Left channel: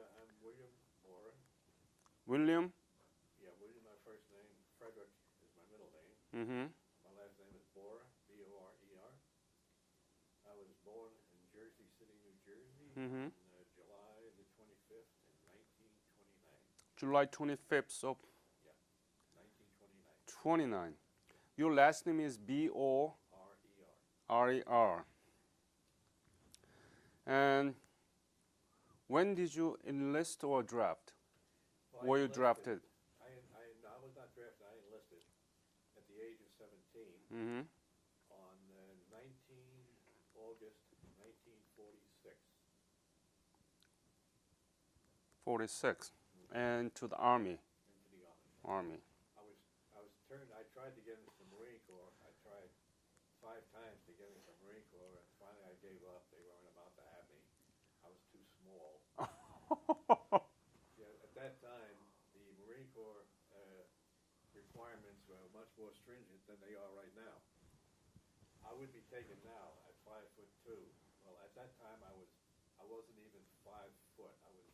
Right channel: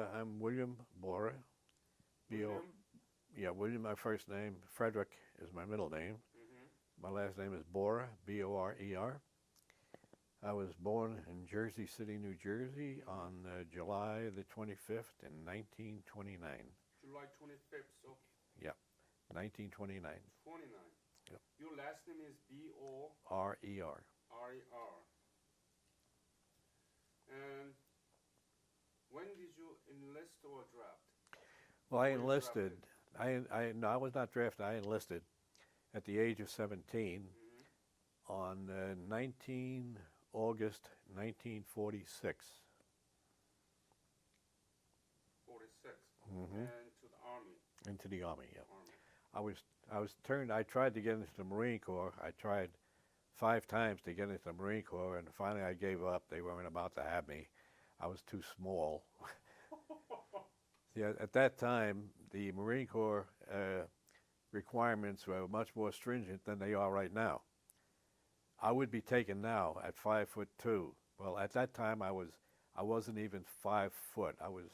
I'm William Bora. B-O, William? yeah, William, my first name. Frederick is my middle name. Mm-hmm. My last name is Bora, B-O-R-E-R. I was born in Jersey City, New Jersey Mm-hmm. on July the 25th in 1929. July 25th of Yeah, 1929. 29. Yep, Your last name is B-O-R-E-R. R-E-R. And when did you enlist or draft? Well, I Were you enlisted. drafted? No, I was not drafted. I enlisted at the age of 17 Mm-hmm. on 19 August 1946. 46. Hmm. And to the Army. Into the Army. Yeah. Army. I was turned. I tried to get into the Marine Corps. I tried 5 times to get into the Marine Corps, and finally I gave up. They weren't about to have me. I was too small. Yeah, at that time, the Marine Corps requirements were much more stringent than they are right now. I would be taken now at 5'2". Well, at that time I wasn't even 5 foot. I was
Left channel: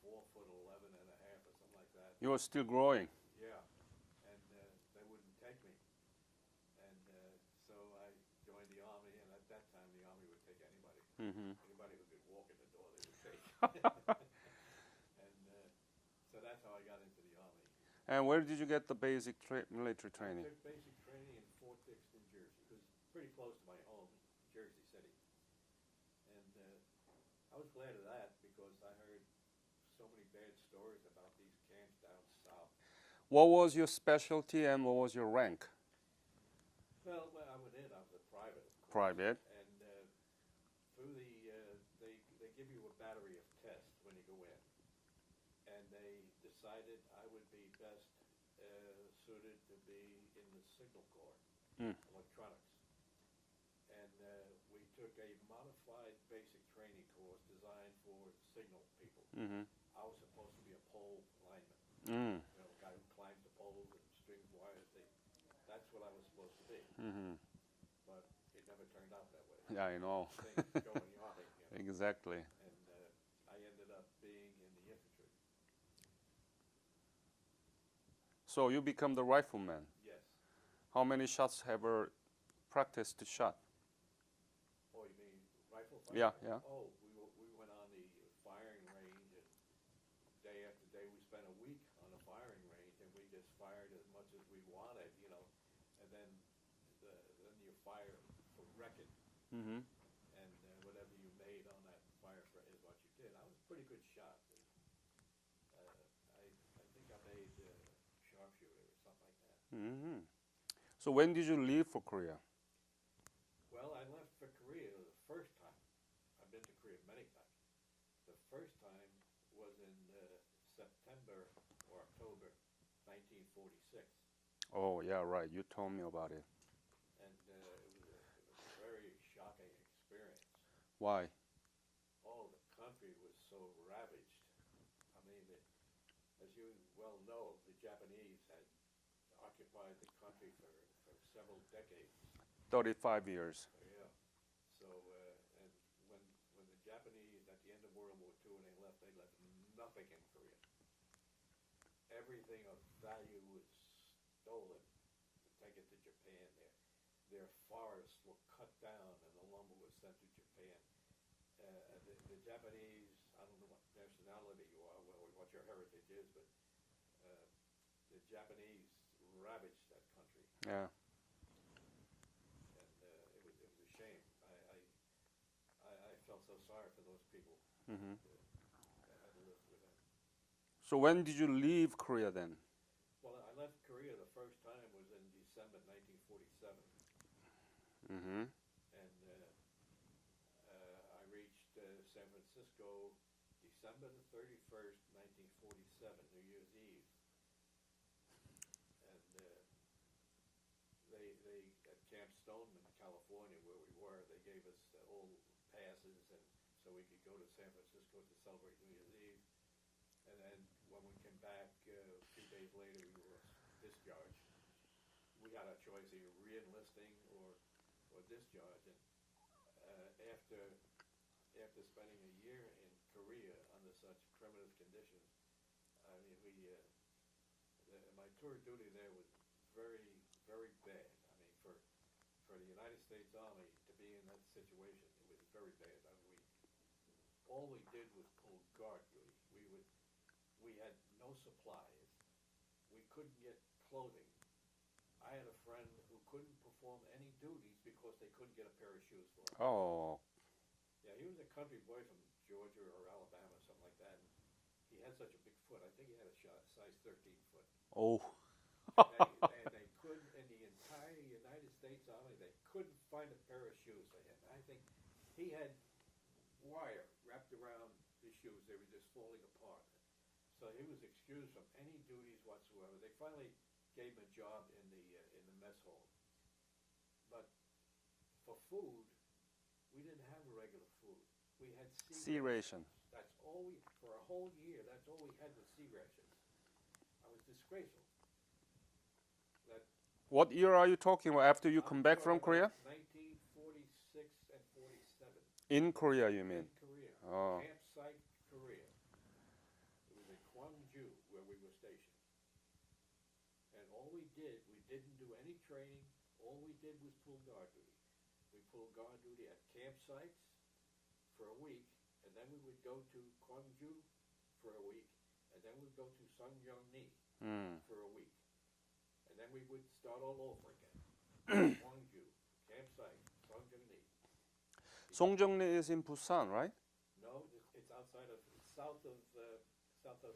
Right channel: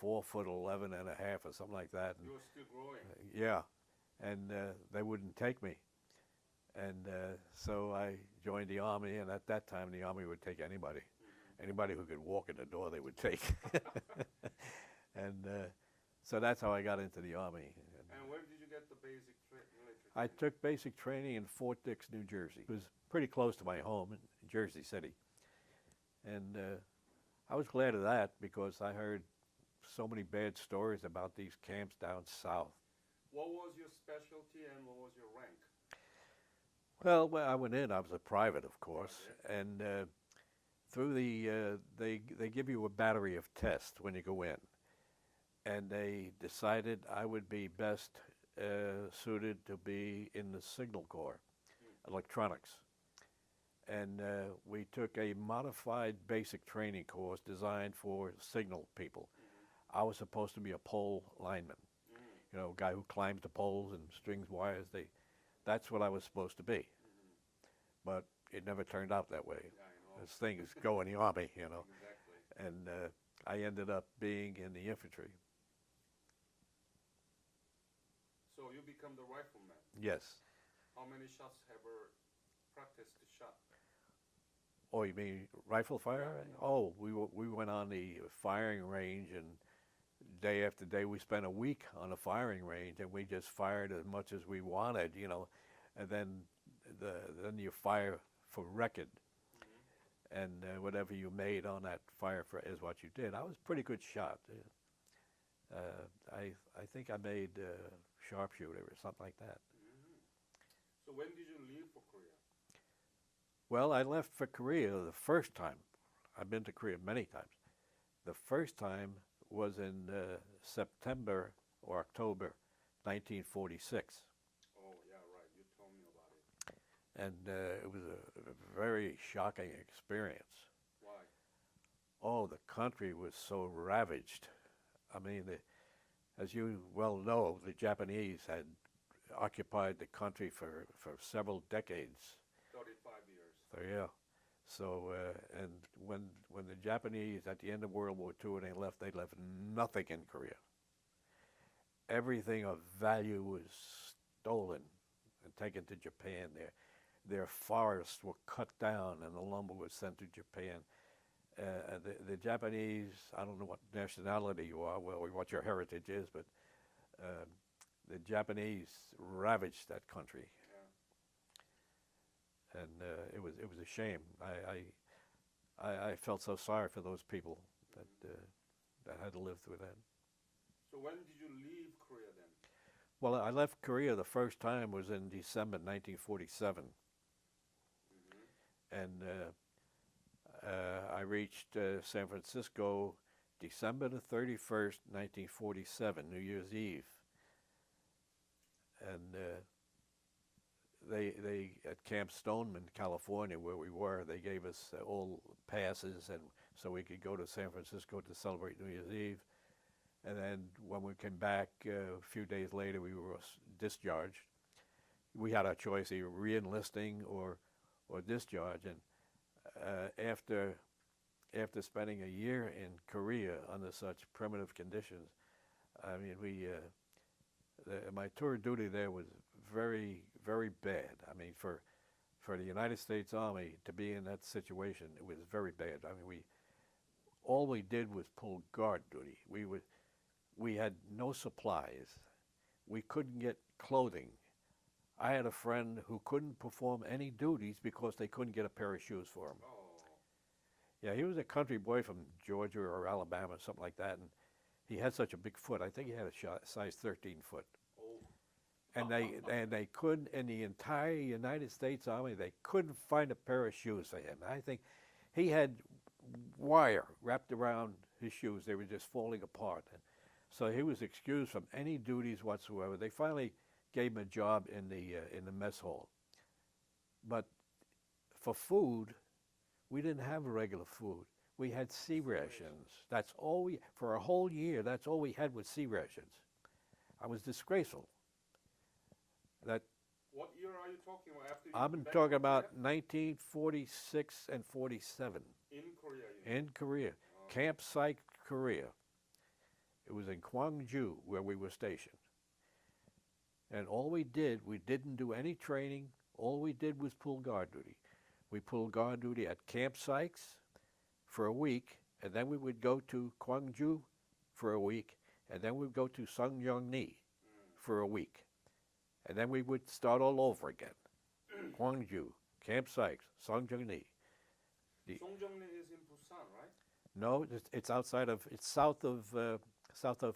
4 foot 11 and a half or something like that. You were still growing. Yeah, and they wouldn't take me. And so I joined the Army, and at that time the Army would take anybody. Mm-hmm. Anybody who could walk in the door they would take. And so that's how I got into the Army. And where did you get the basic military I training? took basic training in Fort Dix, New Jersey. It was pretty close to my home in Jersey City. And I was glad of that because I heard so many bad stories about these camps down south. What was your specialty and what was your rank? Well, when I went in, I was a private, of course. Private. And through they give you a battery of tests when you go in. And they decided I would be best suited to be in the Signal Corps, Mm. electronics. And we took a modified basic training course designed for signal people. Mm-hmm. I was supposed to be a pole lineman, Mm. a guy who climbs the poles and strings wires. That's what I was supposed to be. Mm-hmm. But it never turned out that way. Yeah, I know. As things go in the Army, Exactly. And I ended up being in the infantry. So you become the rifleman. Yes. How many shots have you practiced to shot? Oh, you mean rifle fire? Yeah, yeah. Oh, we went on the firing range, and day after day we spent a week on the firing range, and we just fired as much as we wanted, and then then you fire for record, Mm-hmm. and whatever you made on that fire is what you did. I was a pretty good shot. I think I made sharpshooter or something like that. Mm-hmm. So when did you leave for Korea? Well, I left for Korea the first time. I've been to Korea many times. The first time was in September or October 1946. Oh, yeah, right. You told me about it. And it was a very shocking experience. Why? Oh, the country was so ravaged. I mean, as you well know, the Japanese had occupied the country for several decades. 35 years. So yeah. So and when the Japanese at the end of World War II when they left nothing in Korea. Everything of value was stolen and taken to Japan. Their forests were cut down and the lumber was sent to Japan. The Japanese, I don't know what nationality you are, well, what your heritage is, but the Japanese ravaged that country. Yeah. And it was a shame. I felt so sorry for those people Mm-hmm. that had to live through that. So when did you leave Korea then? Well, I left Korea the first time was in December 1947, Mm-hmm. and I reached San Francisco December the 31st, 1947, New Year's Eve, and they at Camp Stoneman, California, where we were, they gave us all passes, and so we could go to San Francisco to celebrate New Year's Eve. And then when we came back a few days later, we were discharged. We had our choice, either re-enlisting or discharge. And after after spending a year in Korea under such primitive conditions, I mean, my tour duty there was very, very bad. I mean, for the United States Army to be in that situation, it was very bad. I mean, all we did was pull guard duty. We had no supplies. We couldn't get clothing. I had a friend who couldn't perform any duties because they couldn't get a pair of shoes for him. Oh. Yeah, he was a country boy from Georgia or Alabama, something like that, and he had such a big foot. I think he had a size 13 foot. Oh. And they couldn't, in the entire United States Army, they couldn't find a pair of shoes for him. I think he had wire wrapped around his shoes. They were just falling apart. So he was excused from any duties whatsoever. They finally gave him a job in the mess hall. But for food, we didn't have regular food. We had sea rations. That's all for a whole year, that's all we had was sea rations. I was disgraceful. What year are you talking about after you come back from I'm talking Korea? about 1946 and 47. In Korea, you mean? In Korea. Oh. Camp Site, Korea. It was in Gwangju where we were stationed. And all we didn't do any training. All we did was pull guard duty. We pulled guard duty at campsites for a week, and then we would go to Gwangju for a week, and then we'd go to Sungyeongni for a week. And then we would start all over again. Gwangju, campsite, Sungyeongni. Songjeongni is in Busan, right? No, it's south of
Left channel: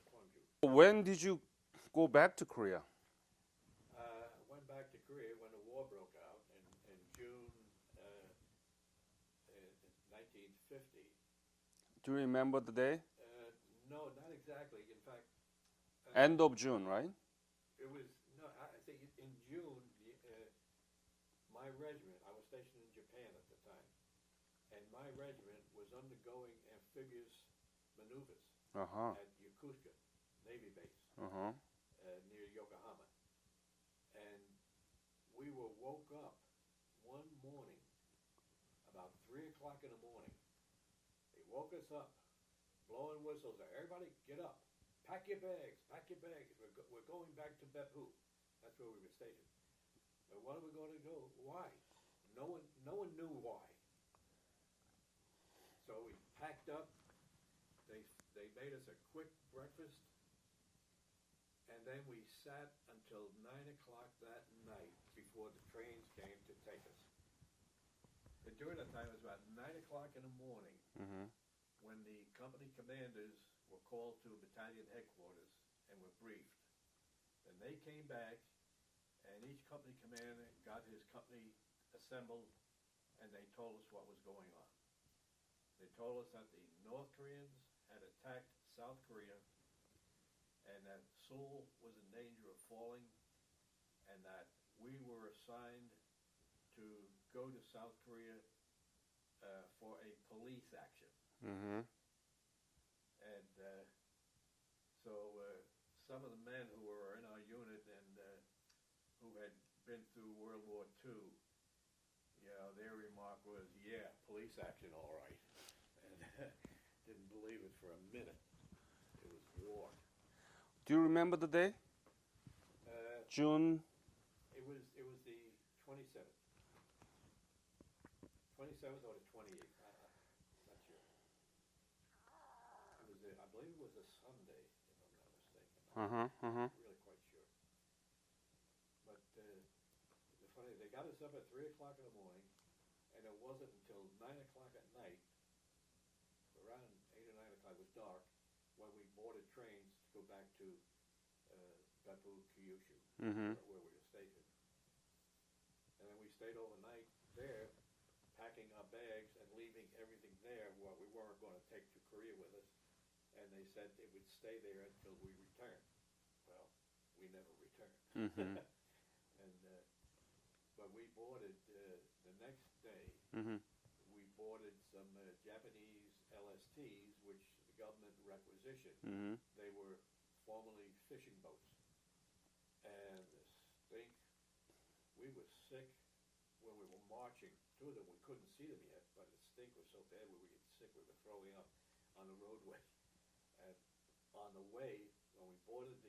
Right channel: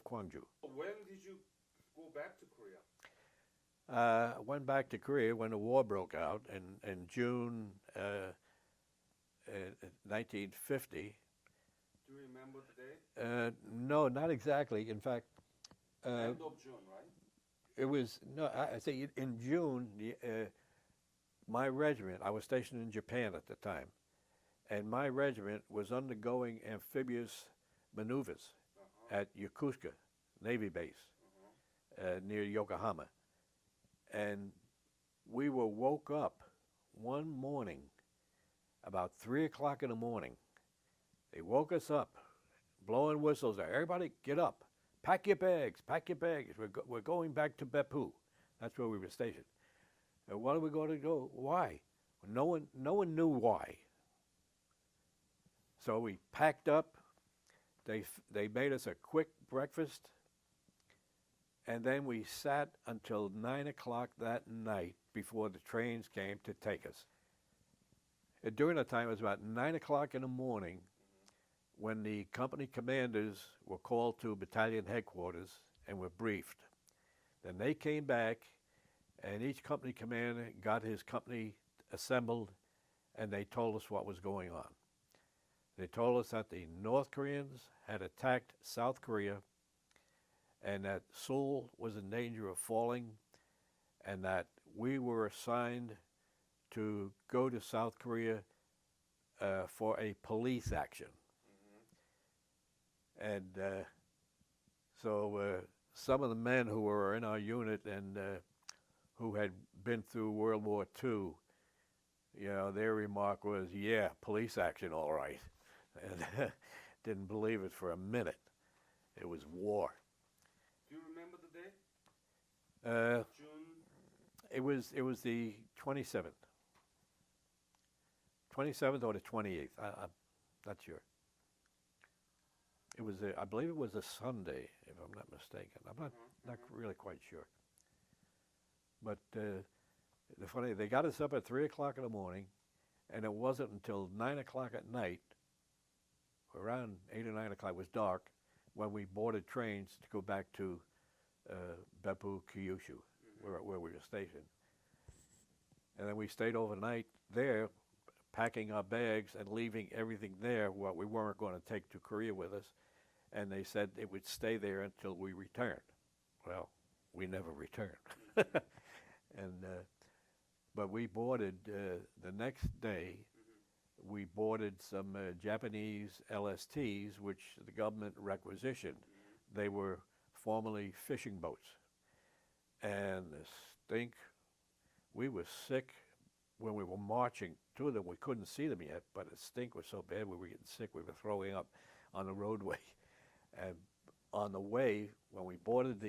Gwangju. When did you go back to Korea? Went back to Korea when the war broke out in June 1950. Do you remember the day? No, not exactly. In fact, End of June, right? it was I say in June. My regiment. I was stationed in Japan at the time, and my regiment was undergoing amphibious maneuvers at Yokosuka Navy Base near Yokohama. And we were woke up one morning about 3 o'clock in the morning. They woke us up, blowing whistles. Everybody get up, pack your bags, pack your bags. We're going back to Beppu. That's where we were stationed. And what are we going to go? Why? No one knew why. So we packed up. They made us a quick breakfast. And then we sat until 9 o'clock that night before the trains came to take us. And during that time, it was about 9 o'clock in the morning when the company commanders were called to battalion headquarters and were briefed. Then they came back, and each company commander got his company assembled, and they told us what was going on. They told us that the North Koreans had attacked South Korea, and that Seoul was in danger of falling, and that we were assigned to go to South Korea for a police action. And so some of the men who were in our unit and who had been through World War II, their remark was, yeah, police action, all right. And didn't believe it for a minute. It was war. Do you remember the day? June? It was the 27th. 27th or the 28th. I'm not sure. It was I believe it was a Sunday, if I'm not mistaken. I'm not really quite sure. But the funny, they got us up at 3 o'clock in the morning, and it wasn't until 9 o'clock at night, around 8 or 9 o'clock, it was dark, when we boarded trains to go back to Beppu, Kyushu, where we were stationed. And then we stayed overnight there, packing our bags and leaving everything there, what we weren't going to take to Korea with us. And they said it would stay there until we returned. Well, we never returned. But we boarded the next day. We boarded some Japanese LSTs, which the government requisitioned. They were formerly fishing boats. And the stink, we were sick when we were marching to them, we couldn't see them yet, but the stink was so bad we were getting sick. We were throwing up on the roadway. And on the way, when we boarded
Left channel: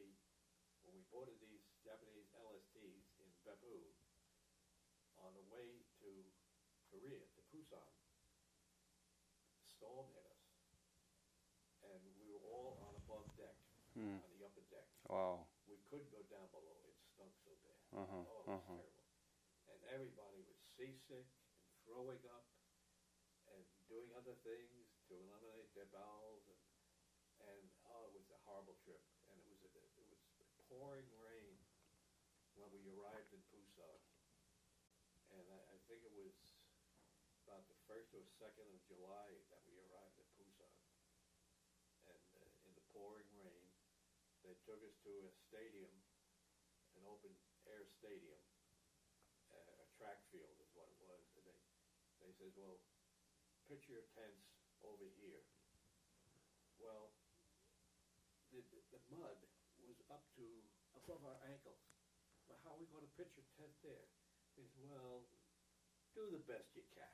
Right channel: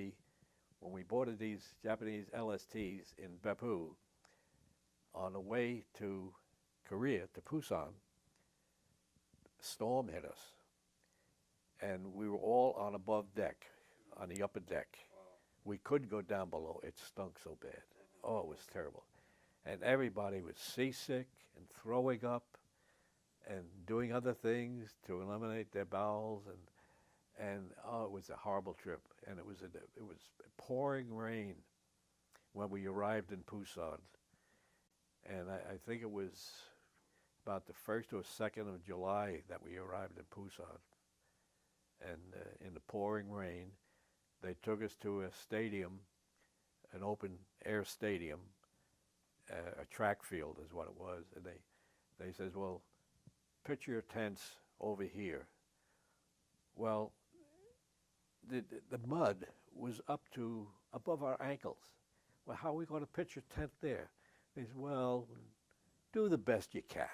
these Japanese LSTs in Beppu, on the way to Korea, to Busan, a storm hit us. And we were all on above deck, on the upper deck. Wow. We couldn't go down below. It stunk so bad. Uh-huh, Oh, it was terrible. And everybody was seasick and throwing up and doing other things to eliminate their bowels. And oh, it was a horrible trip. And it was pouring rain when we arrived in Busan. And I think it was about the 1st or 2nd of July that we arrived in Busan. And in the pouring rain, they took us to a stadium, an open air stadium, a track field is what it was. And they says, well, pitch your tents over here. Well, the mud was up to above our ankles. Well, how are we going to pitch a tent there? They said, well, do the best you can.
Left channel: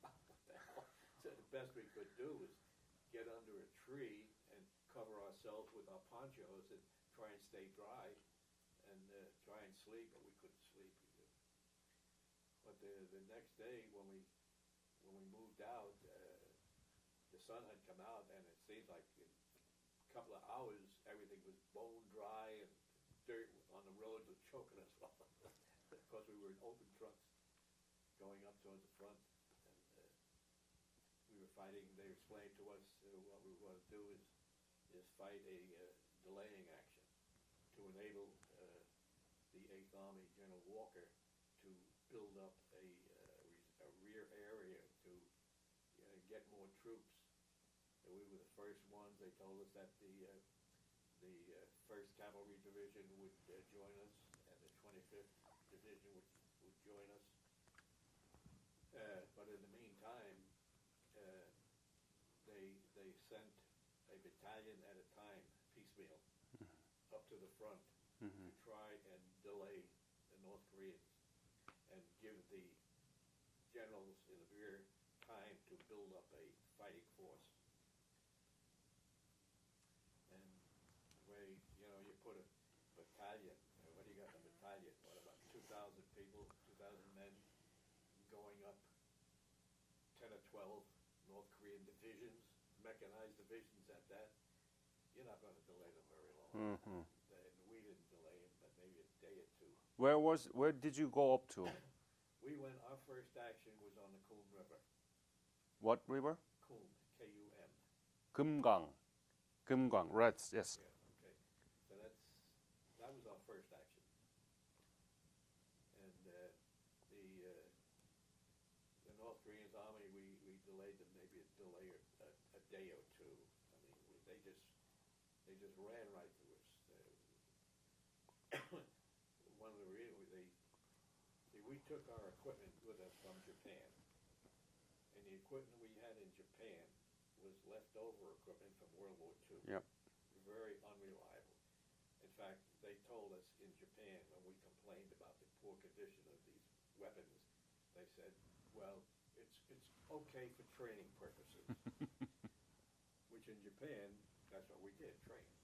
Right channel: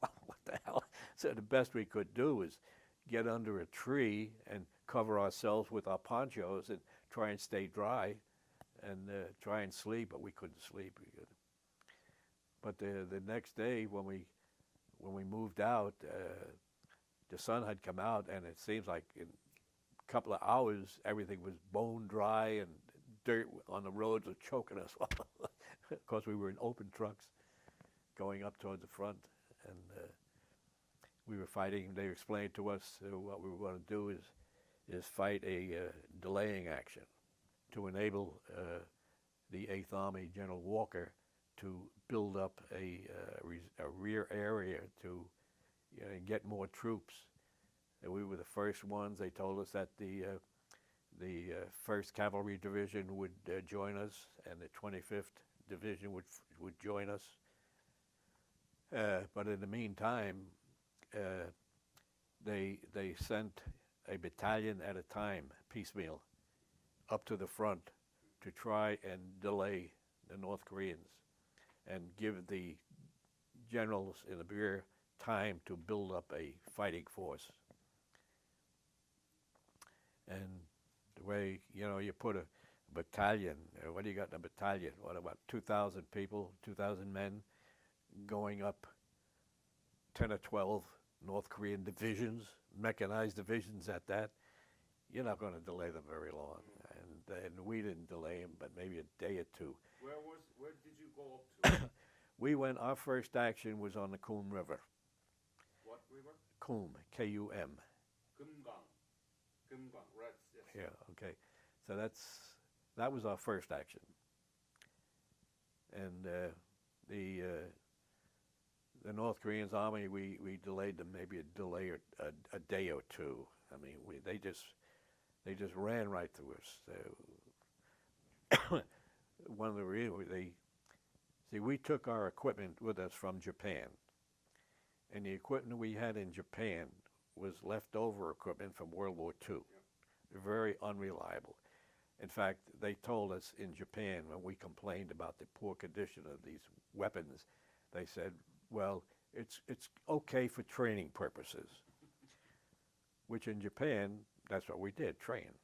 What the hell? So the best we could do was get under a tree and cover ourselves with our ponchos and try and stay dry and try and sleep, but we couldn't sleep. But the next day when we moved out, the sun had come out, and it seems like in a couple of hours everything was bone dry and dirt on the roads was choking us. Of course, we were in open trucks going up toward the front, and we were fighting. They explained to us what we were going to do is fight a delaying action to enable the 8th Army, General Walker, to build up a rear area to get more troops. And we were the first ones. They told us that the 1st Cavalry Division would join us, and the 25th Division would join us. But in the meantime, they sent a battalion at a time, piecemeal, up to the front to try and delay the North Koreans and give the generals in the rear time to build up a fighting force. And the way, you put a battalion, what do you got in a battalion? What, about 2,000 people, 2,000 men going up 10 or 12 North Korean divisions, mechanized divisions at that? You're not going to delay them very long. And we didn't delay them, but maybe a day or two. Where did you go up to? Our first action was on the Coom River. What river? Coom, K-U-M. Kumgang, right, yes. Yeah, okay. So that was our first action. And the North Koreans army, we delayed them maybe a day or two. I mean, they just ran right through us. One of the reasons we took our equipment with us from Japan, and the equipment we had in Japan was leftover equipment from World War II. Yep. Very unreliable. In fact, they told us in Japan when we complained about the poor condition of these weapons, they said, well, it's okay for training purposes. Which in Japan, that's what we did, train.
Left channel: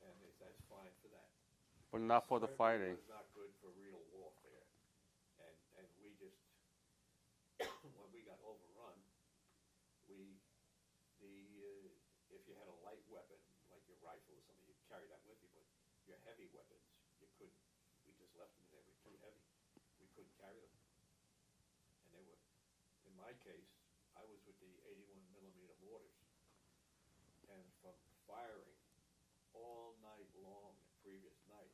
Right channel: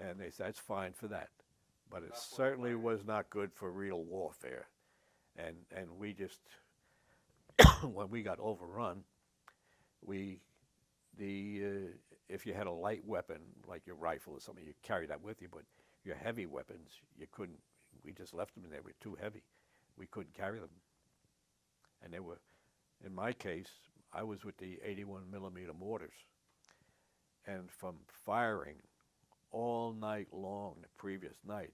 And they said, it's fine for that. But it certainly was not good for real warfare. And we just, when we got overrun, if you had a light weapon, like your rifle or something, you carry that with you, but your heavy weapons, you couldn't, we just left them and they were too heavy. We couldn't carry them. And they were, in my case, I was with the 81 millimeter mortars. And from firing all night long the previous night,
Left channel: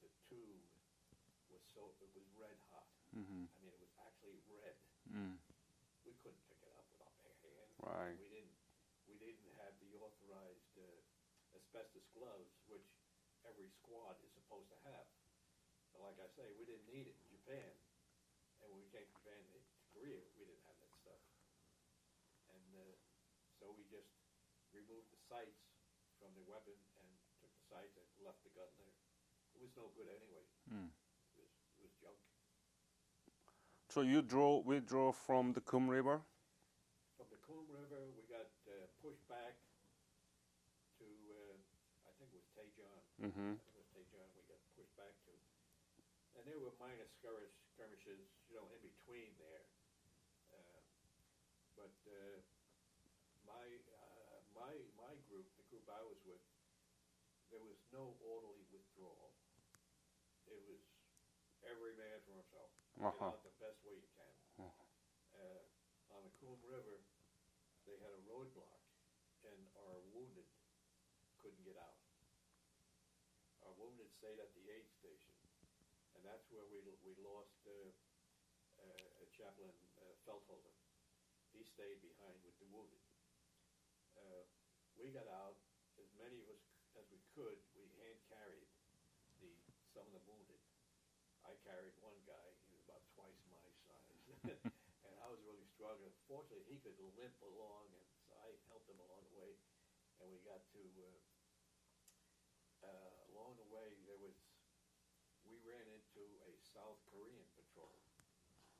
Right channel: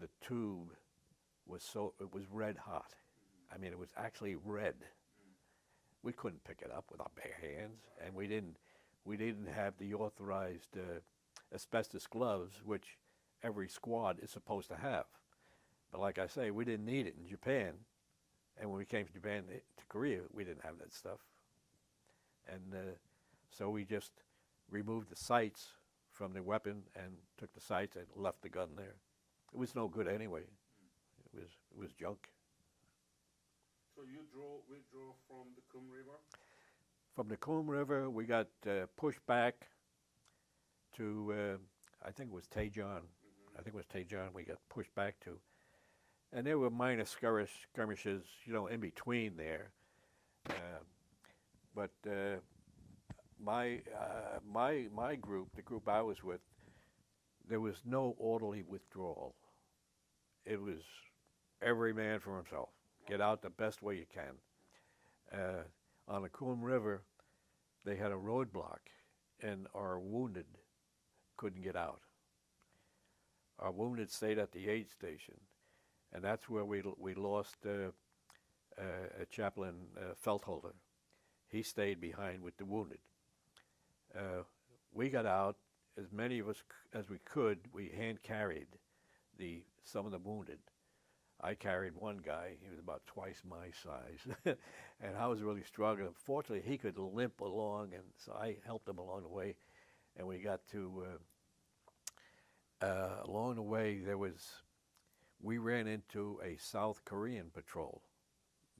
the tube was red hot. I mean, it was actually red. We couldn't pick it up with our bare hands, right. And we didn't have the authorized asbestos gloves, which every squad is supposed to have. But like I say, we didn't need it in Japan, and when we came to Japan to Korea, we didn't have that stuff. And so we just removed the sights from the weapon and took the sights and left the gun there. It was no good anyway. It was junk. So you withdraw from the Kum River? From the Coom River, we got pushed back to, I think it was Tejon. Mm-hmm. I think it was Tejon we got pushed back to. And there were minor skirmishes, you know, in between there. But my group, the group I was with, there was no orderly withdrawal. It was every man for himself. Get Uh-huh. out the best way you can. On the Coom River, they had a roadblock, and our wounded couldn't get out. Our wounded stayed at the aid station, and that's where we lost a chaplain, Feltholder. He stayed behind with the wounded. We got out, as many of us as we could. We hand carried some of the wounded. I carried one guy. He was about twice my size, and I was really struggling. Fortunately, he could limp along, and so I helped him along the way. And we got to along the way. We ran into a South Korean patrol,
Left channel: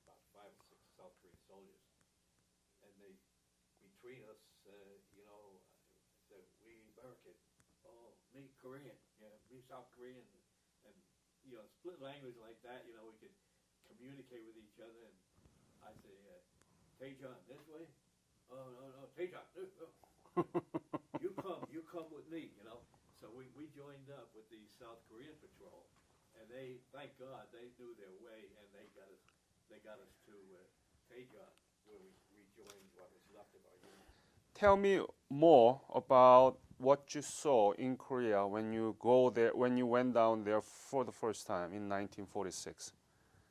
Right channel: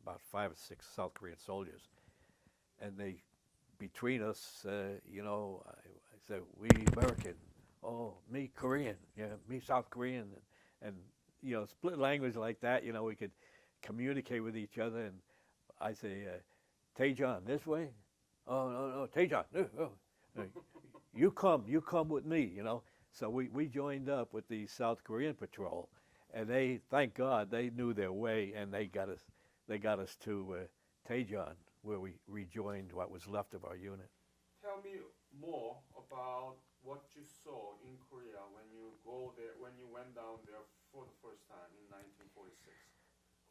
about 5 or 6 South Korean soldiers, and they, between us, you know, I said, "We American." "Oh, me Korean." "Yeah, me South Korean." And you know, split language like that, you know, we could communicate with each other. And I say, "Tejon, this way?" "Oh, no, Tejon, you come with me," you know. So we joined up with the South Korean patrol, and they, thank God, they knew their way, and they got us to Tejon, where we rejoined what was left of our unit. Tell me more about what you saw in Korea when you went down there for the first time in 1946.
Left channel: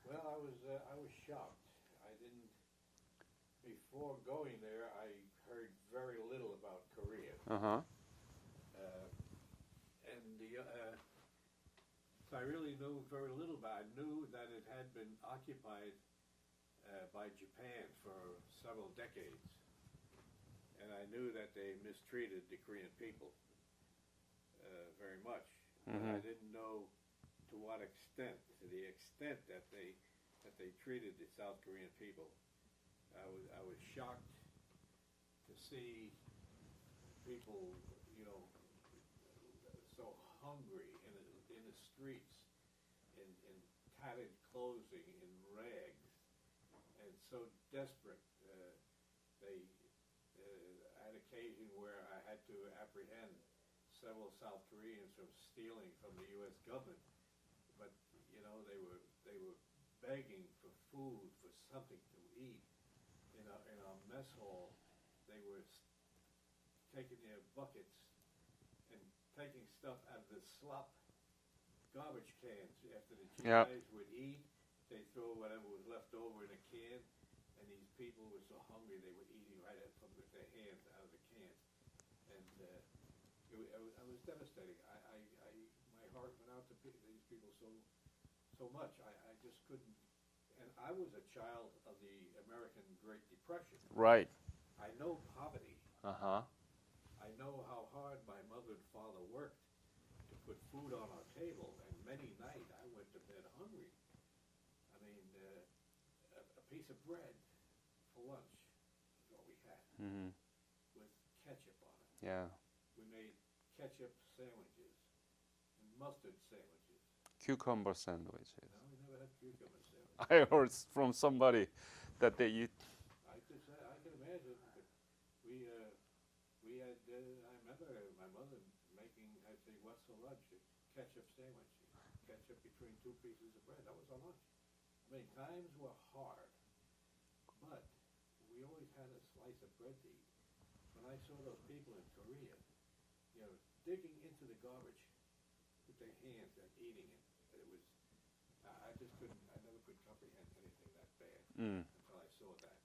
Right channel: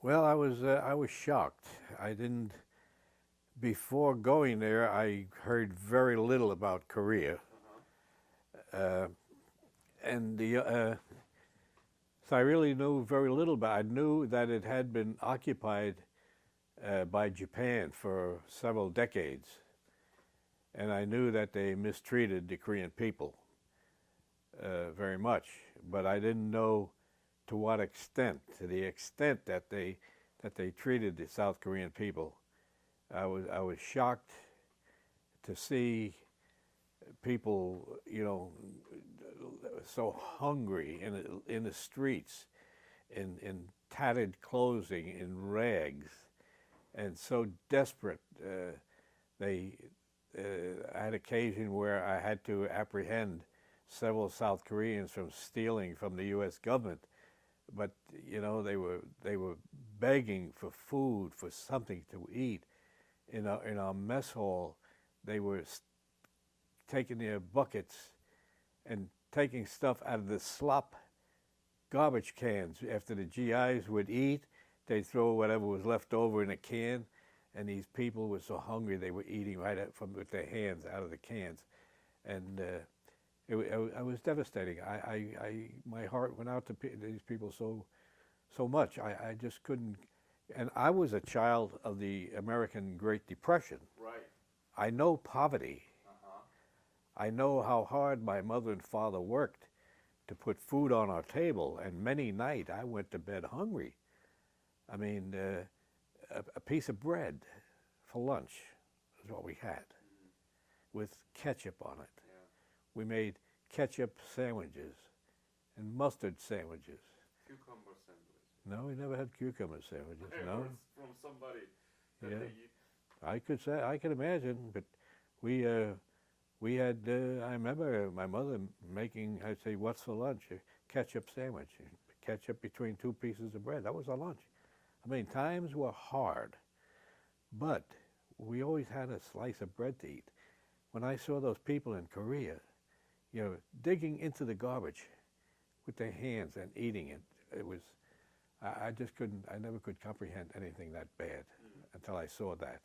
Well, I was shocked. I didn't. Before going there, I heard very little about Korea, Uh-huh. and so I really knew very little about it. I knew that it had been occupied by Japan for several decades, and I knew that they mistreated the Korean people very much, but I didn't know to what extent. To the extent that they treated the South Korean people, I was shocked to see people, you know, so hungry in the streets, in tattered clothing, in rags, and so desperate. I had occasion where I had to apprehend several South Koreans from stealing from the U.S. government, but you know, they were begging for food, for something to eat. In our mess hall, they were taking their buckets and taking stuff out of the slop garbage cans. After the GIs would eat, they'd throw whatever was left over in a can, and these people were so hungry they were eating right with their hands out of the cans, and it was devastating. My heart went out to these people so much. I just couldn't. And I was a child of the American Great Depression. Right. I know poverty. Uh-huh. I know how hard my mother and father worked to put food on our table, and many nights I went to bed hungry. I mean, a piece of bread for lunch is what we had, with ketchup on it. Yeah. We made ketchup sandwiches and mustard sandwiches. Cucumber sandwich. No, we never had cucumber sandwiches. I no. heard from somebody that Yeah. they eat. I could imagine, but we had. I remember my mother making. I'd say, "What's for lunch?" A ketchup sandwich, ketchup between 2 pieces of bread. That was our lunch. I mean, times were hard, but we always had a slice of bread to eat. When I saw those people in Korea, you know, digging into the garbage with their hands and eating it, it was. I just couldn't. I never could comprehend anything that bad until I saw that.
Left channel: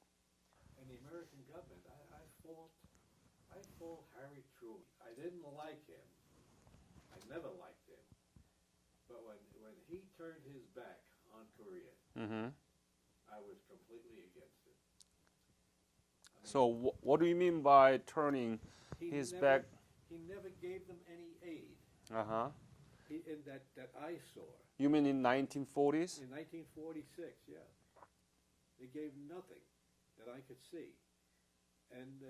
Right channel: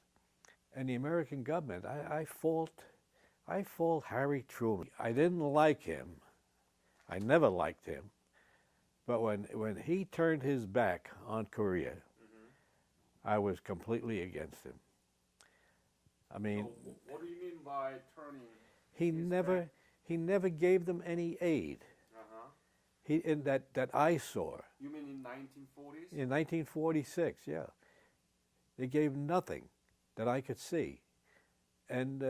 And the American government, I fault Harry Truman. I didn't like him. I never liked him. But when he turned his back on Korea, I was completely against him. I mean, So what do you mean by turning his back? he never gave them any aid. Uh-huh. In that I saw You mean in 1940s? in 1946. Yeah, They gave nothing that I could see. And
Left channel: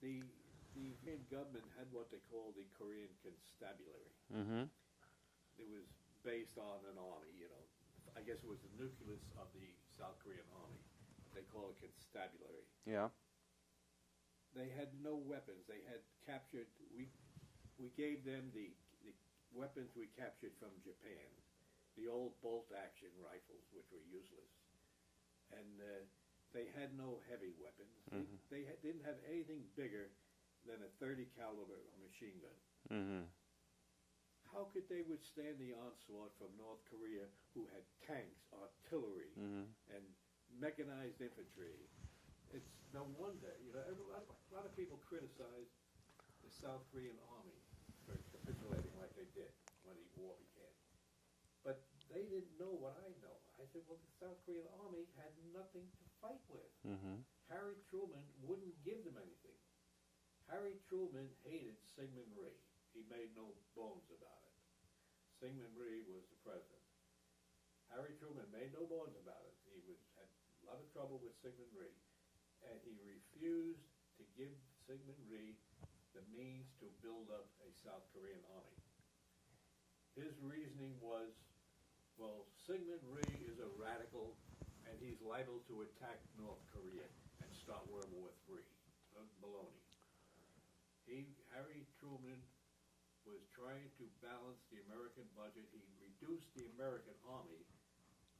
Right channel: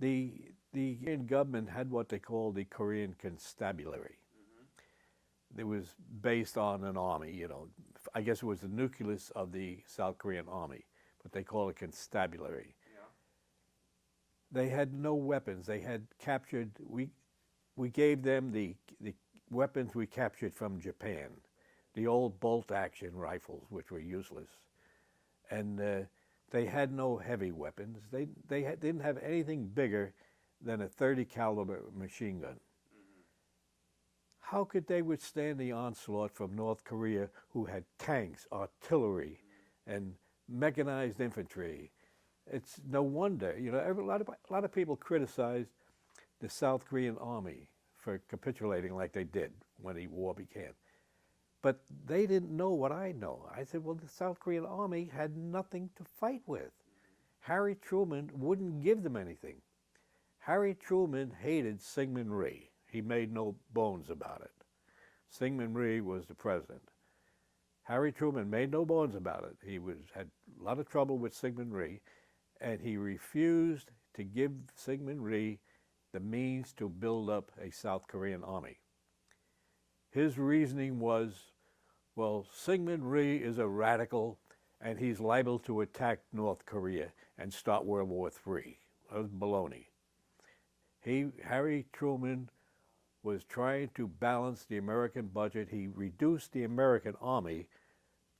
the Korean government had what they called the Korean Constabulary. Mm-hmm. It was based on an army, you know. I guess it was the nucleus of the South Korean army, but they call it constabulary. Yeah. They had no weapons. They had captured. We gave them the weapons we captured from Japan, the old bolt-action rifles, which were useless, and they had no heavy weapons. They didn't have anything bigger than a 30 caliber machine gun. Mm-hmm. How could they withstand the onslaught from North Korea, who had tanks, artillery, and mechanized infantry? It's no wonder, you know. A lot of people criticized the South Korean army for capitulating like they did when the war began, but they didn't know what I know. I said, well, the South Korean army had nothing to fight with. Mm-hmm. Harry Truman wouldn't give them anything. Harry Truman hated Syngman Rhee. He made no bones about it. Syngman Rhee was the president. Harry Truman made no bones about it. He had a lot of trouble with Syngman Rhee, and he refused to give Syngman Rhee the means to build up a South Korean army. His reasoning was, well, Syngman Rhee is a radical, and he's liable to attack North Korea and start World War III. That was baloney. Harry Truman was trying to balance the American budget. He reduced the American army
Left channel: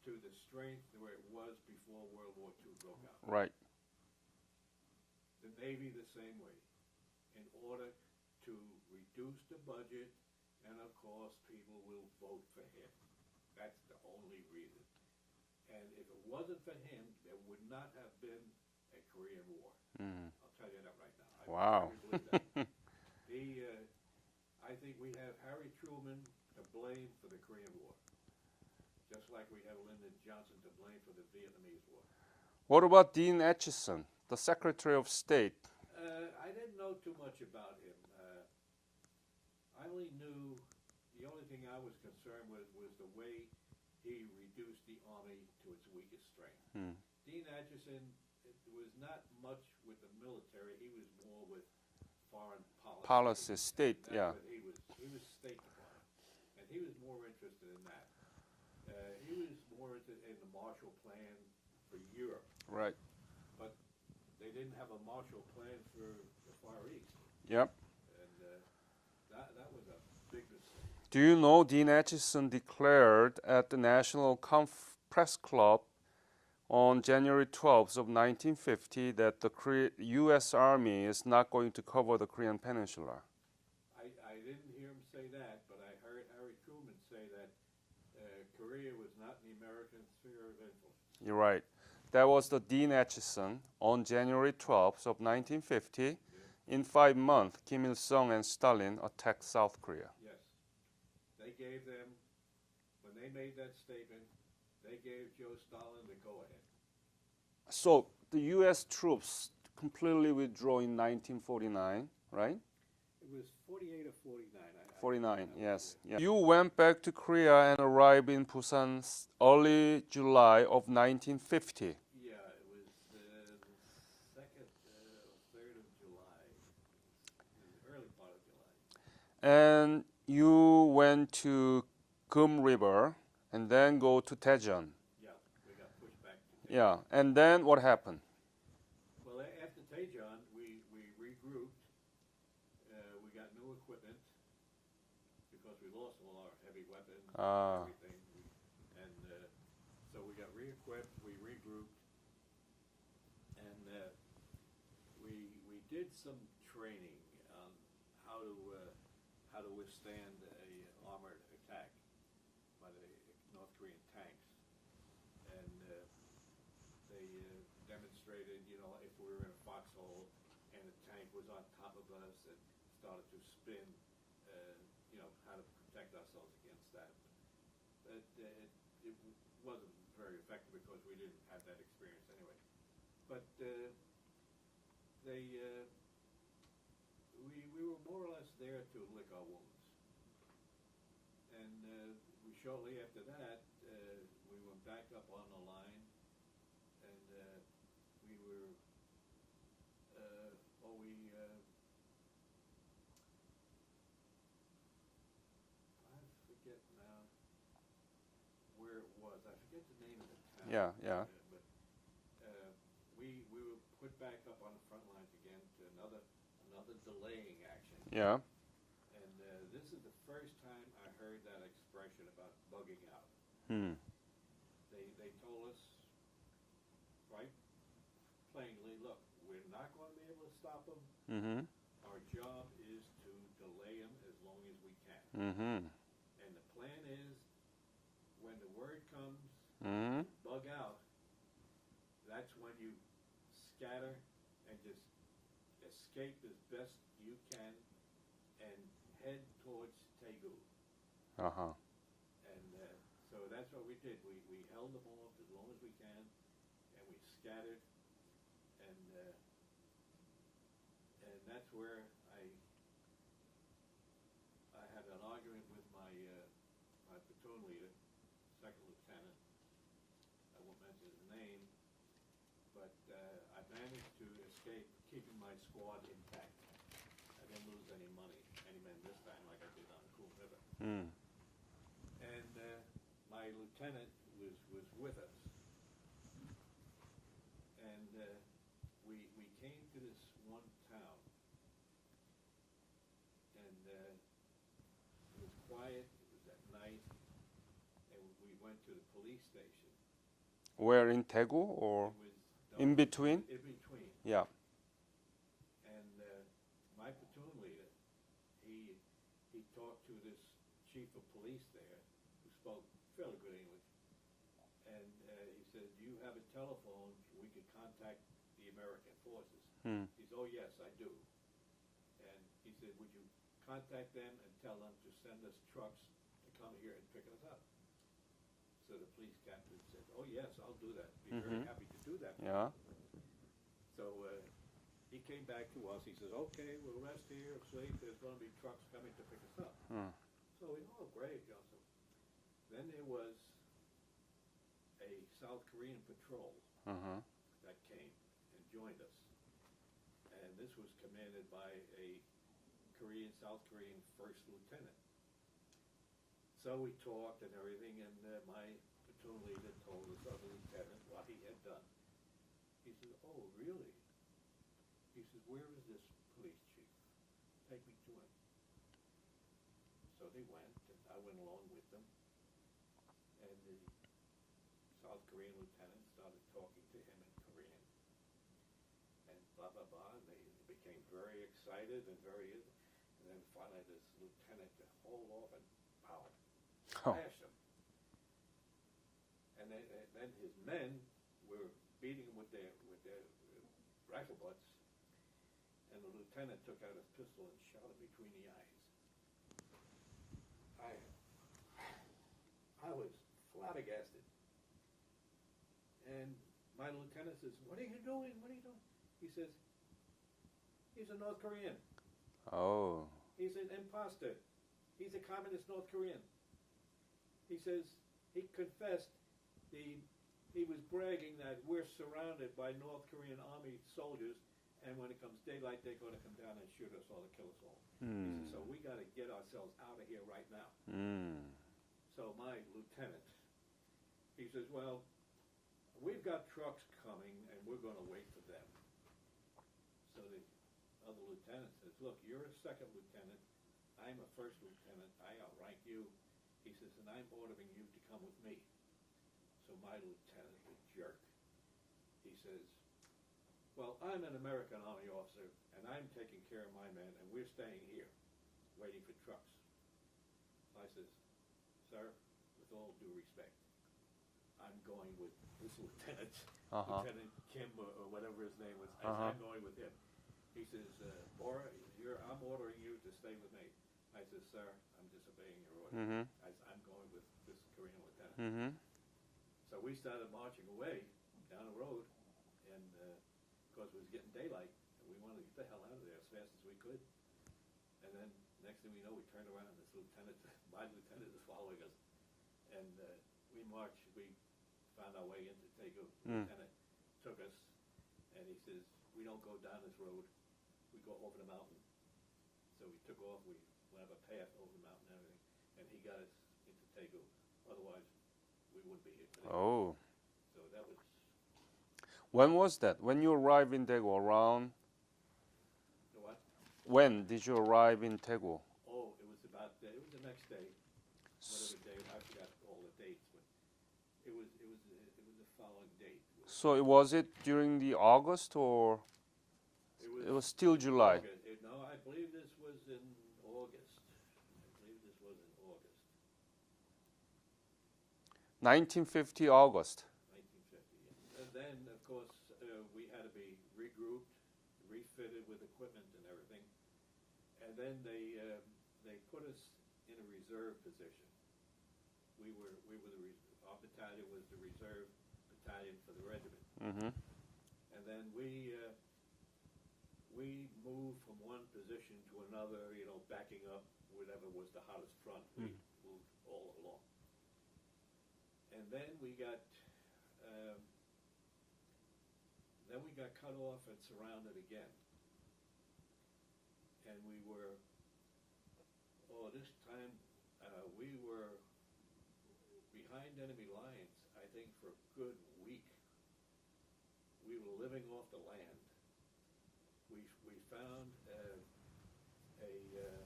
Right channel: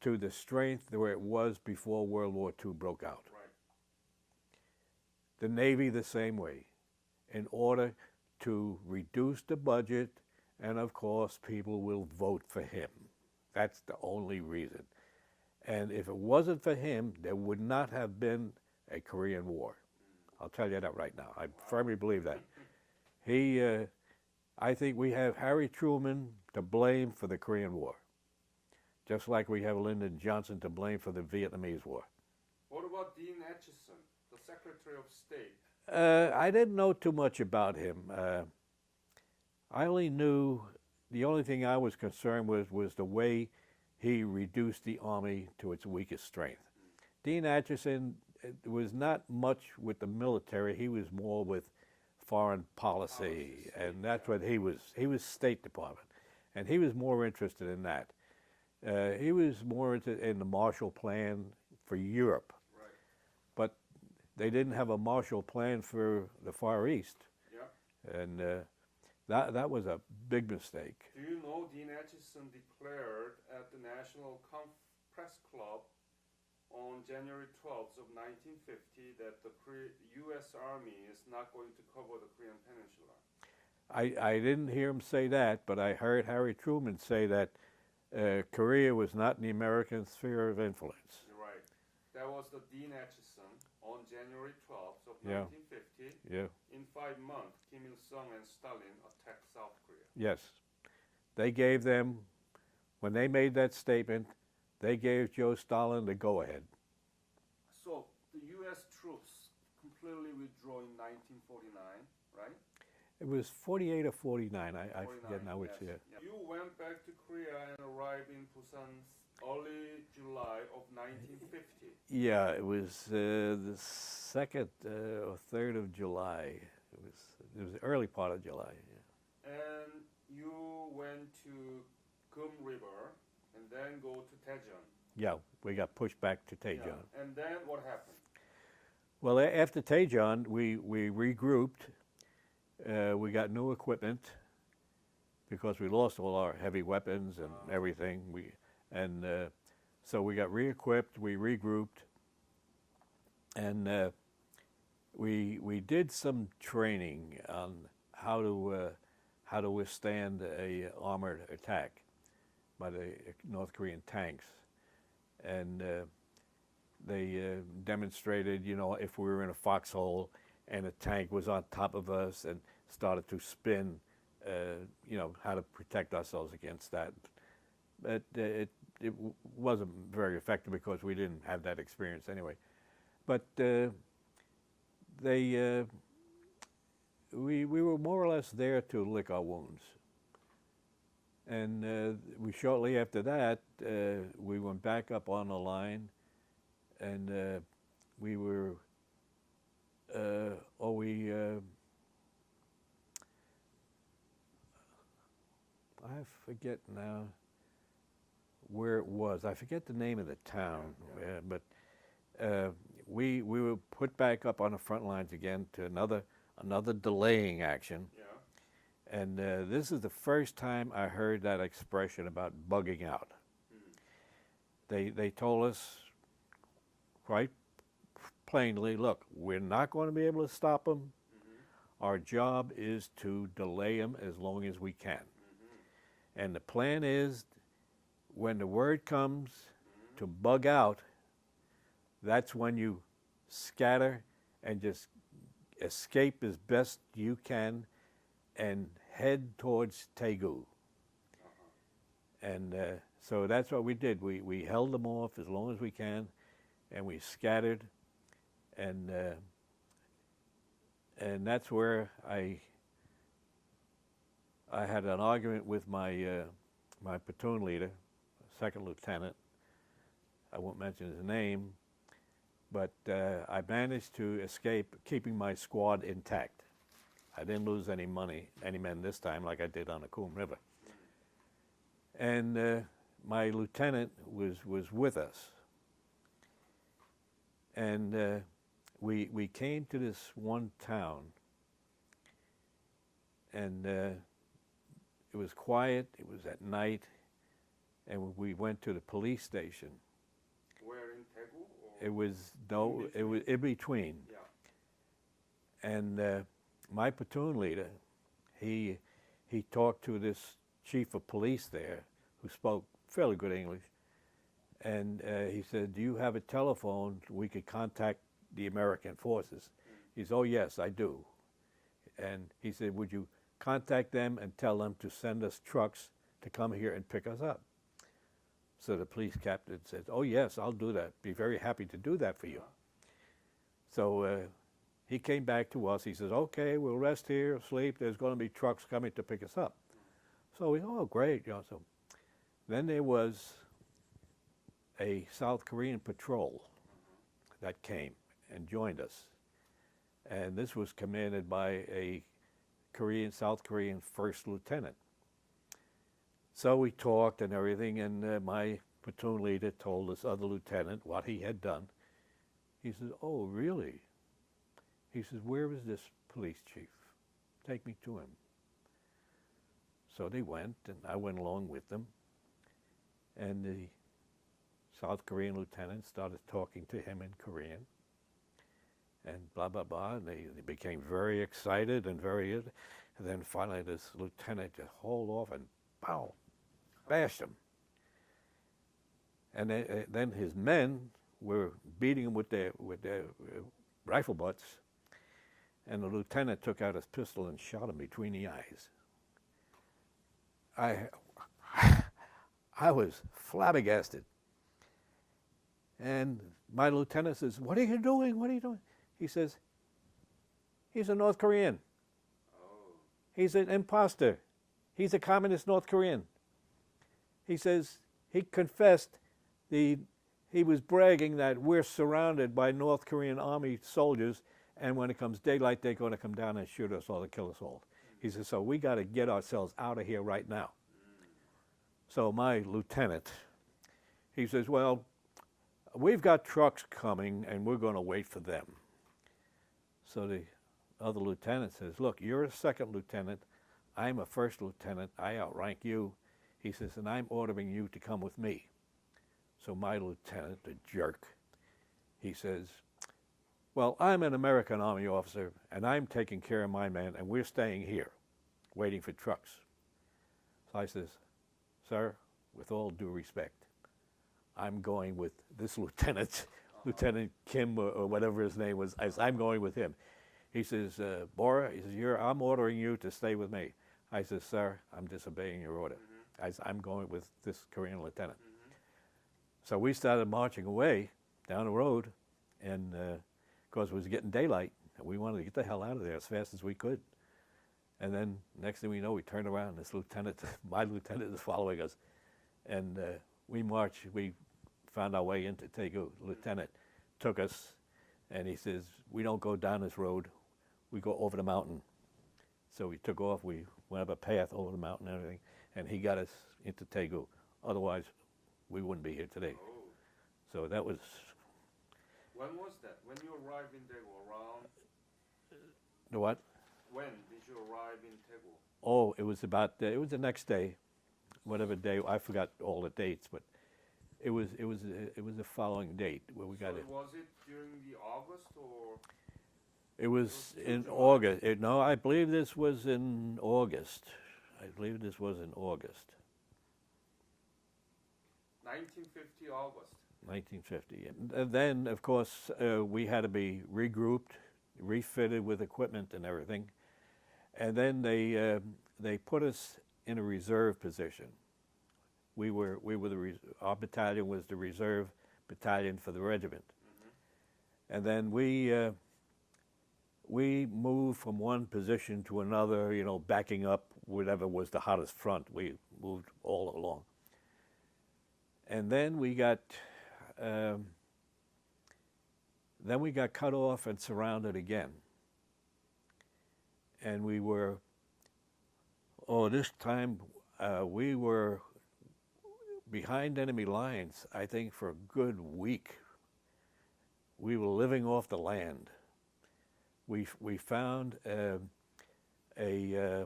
to the strength where it was before World War II broke out. Right. The Navy the same way, in order to reduce the budget, and of course people will vote for him. That's the only reason. And if it wasn't for him, there would not have been a Korean War. I'll tell you that right now. I Wow. firmly believe that. I think we have Harry Truman to blame for the Korean War, just like we have Lyndon Johnson to blame for the Vietnamese War. What about Dean Acheson, the Secretary of State? I didn't know too much about him. I only knew, the only thing I was concerned with was the way he reduced the Army to its weakest strength. Dean Acheson was not much with the military. He was more with foreign policy, state, and that's yeah. what he was. He was State Department, and he was more interested in that. He was more interested in the Marshall Plan for Europe, Right. but they didn't have a Marshall Plan for the Far East, Yep. and that was a big mistake. Do you know Dean Acheson declared at the National Press Club on January 12th of 1950 that the U.S. Army is not going to cover the Korean Peninsula? I didn't hear him say that, but I heard Harry Truman say that Korea was not in the American sphere of influence. You're right. That was the Dean Acheson on January 12th of 1950. Yeah. In 5 months, Kim Il-sung and Stalin attacked South Korea. Yes. They gave them, when they made that statement, they gave Joe Stalin the go-ahead. So the U.S. troops completely withdrew in 1949, right? It was 48 or 49. 49, I would yes. say. Yeah. You went back to Korea and arrived in Busan early July of 1950. Yeah, it was the 2nd or 3rd of July. It was the early part of July. And you went to Gum River and then go to Daejeon. Yeah, we got pushed back to Daejeon. Yeah, and then what happened? Well, after Daejeon, we regrouped. We got new equipment because we lost all our heavy weapons and everything. So we got re-equipped. We regrouped, and we did some training on how to withstand a armored attack by the North Korean tanks, and they demonstrated, you know, if we were in a foxhole and a tank was on top of us and started to spin, you know, how to protect ourselves against that. But it wasn't very effective because we didn't have that experience anyway. But we were more or less there to lick our wounds. And we shortly after that, we went back up on the line, and we were, oh, we, I forget now where it was. I forget the name of the town. Yeah. But we were put back up on the front lines again to another delaying action. Yeah. And this is the first time I heard that expression about bugging out. Hmm. They told us quite plainly, look, we're not going to be able to stop them. Mm-hmm. Our job is to delay them as long as we can. Mm-hmm. And the plan is, when the word comes Mm-hmm. to bug out, that's when you scatter and just escape as best you can and head towards Tegu. Uh-huh. And so that's what we did. We held them off as long as we can, and we scattered, and that's where I had an argument with my my platoon leader, second lieutenant. I won't mention his name, but I managed to escape, keeping my squad intact. I didn't lose any men this time like I did on the Coombe River. Mm. And my lieutenant was with us. And we came to this one town, and it was quiet, it was at night, and we went to the police station. Where in Daegu or? It was in between? It was in between. Yeah. And my platoon leader, he talked to this chief of police there, who spoke fairly good English, and he said, "Do you have a telephone we could contact the American forces?" Hmm. He said, "Oh yes, I do." And he said, "Would you contact them and tell them to send us trucks to come here and pick us up?" So the police captain said, "Oh yes, I'll do that. Be very happy to do that for you." Yeah. So he came back to us. He says, "Okay, we'll rest here, sleep. There's going to be trucks coming to pick us up." So we, oh great, you know. So then there was a South Korean patrol Uh-huh. that came and joined us, and this was commanded by a South Korean first lieutenant. So we talked and everything, and my platoon leader told this other lieutenant what he had done. He said, "Oh, really?" He says, "Where is this police chief? Take me to him." So they went, and I went along with them. And the South Korean lieutenant started talking to him in Korean, and blah, blah, blah. And they became very excited and then finally this lieutenant just hauled off and pow, bashed him. And then his men were beating him with their rifle butts, and the lieutenant took out his pistol and shot him between the eyes. I was flabbergasted. And my lieutenant says, "What are you doing? What are you doing?" He says, "He's a North Korean. Oh. He's an imposter. He's a communist North Korean." He says he confessed he was bragging that we're surrounded by North Korean army soldiers, and when it comes daylight, they're going to come down and shoot us all to kill us all. He says, "So we got to get ourselves out of here right now." So my lieutenant, he says, "Well, we've got trucks coming, and we're going to wait for them." So the other lieutenant says, "Look, you're a second lieutenant. I'm a first lieutenant. I outrank you." He says, "And I'm ordering you to come with me." So my lieutenant, the jerk, he says, "Well, I'm an American Army officer, and I'm taking care of my men, and we're staying here, waiting for trucks." So I says, "Sir, with all due respect, I'm going with this lieutenant, Lieutenant Kim or whatever his name was. I'm going with him." He says, "Bora," he says, "I'm ordering you to stay with me." I says, "Sir, I'm disobeying your order. I'm going with this Korean lieutenant." So we started marching away down the road, and of course it was getting daylight, and we wanted to get the hell out of there as fast as we could. And then next thing we know, we turned around, and this lieutenant, my lieutenant, is following us, and we marched. We found our way into Daegu, lieutenant, took us, and he says, we don't go down this road, we go over the mountain. So we took off, we went up a path over the mountain and everything, and he got us into Daegu. Otherwise, we wouldn't be here today. Oh. So that was, When was that? When you arrived in Daegu? Around? the what? When did you arrive in Daegu? Oh, it was about, it was the next day, whatever day, I forgot all the dates, but it was the following date. Where we So got was it during the August or? it was still in July. August. No, I believe this was in August. I believe this was in August, 1950 August. 1950. And then, of course, we had to be regrouped, refitted with equipment and everything. And then they put us in a reserve position. Our battalion was the reserve battalion for the regiment. Mm-hmm. And then we moved from one position to another, you know, backing up whatever was the hottest front. We moved all along. And then we got cut off and surrounded again. And we were, this time we were behind enemy lines, I think, for a good week. We were living off the land. We found a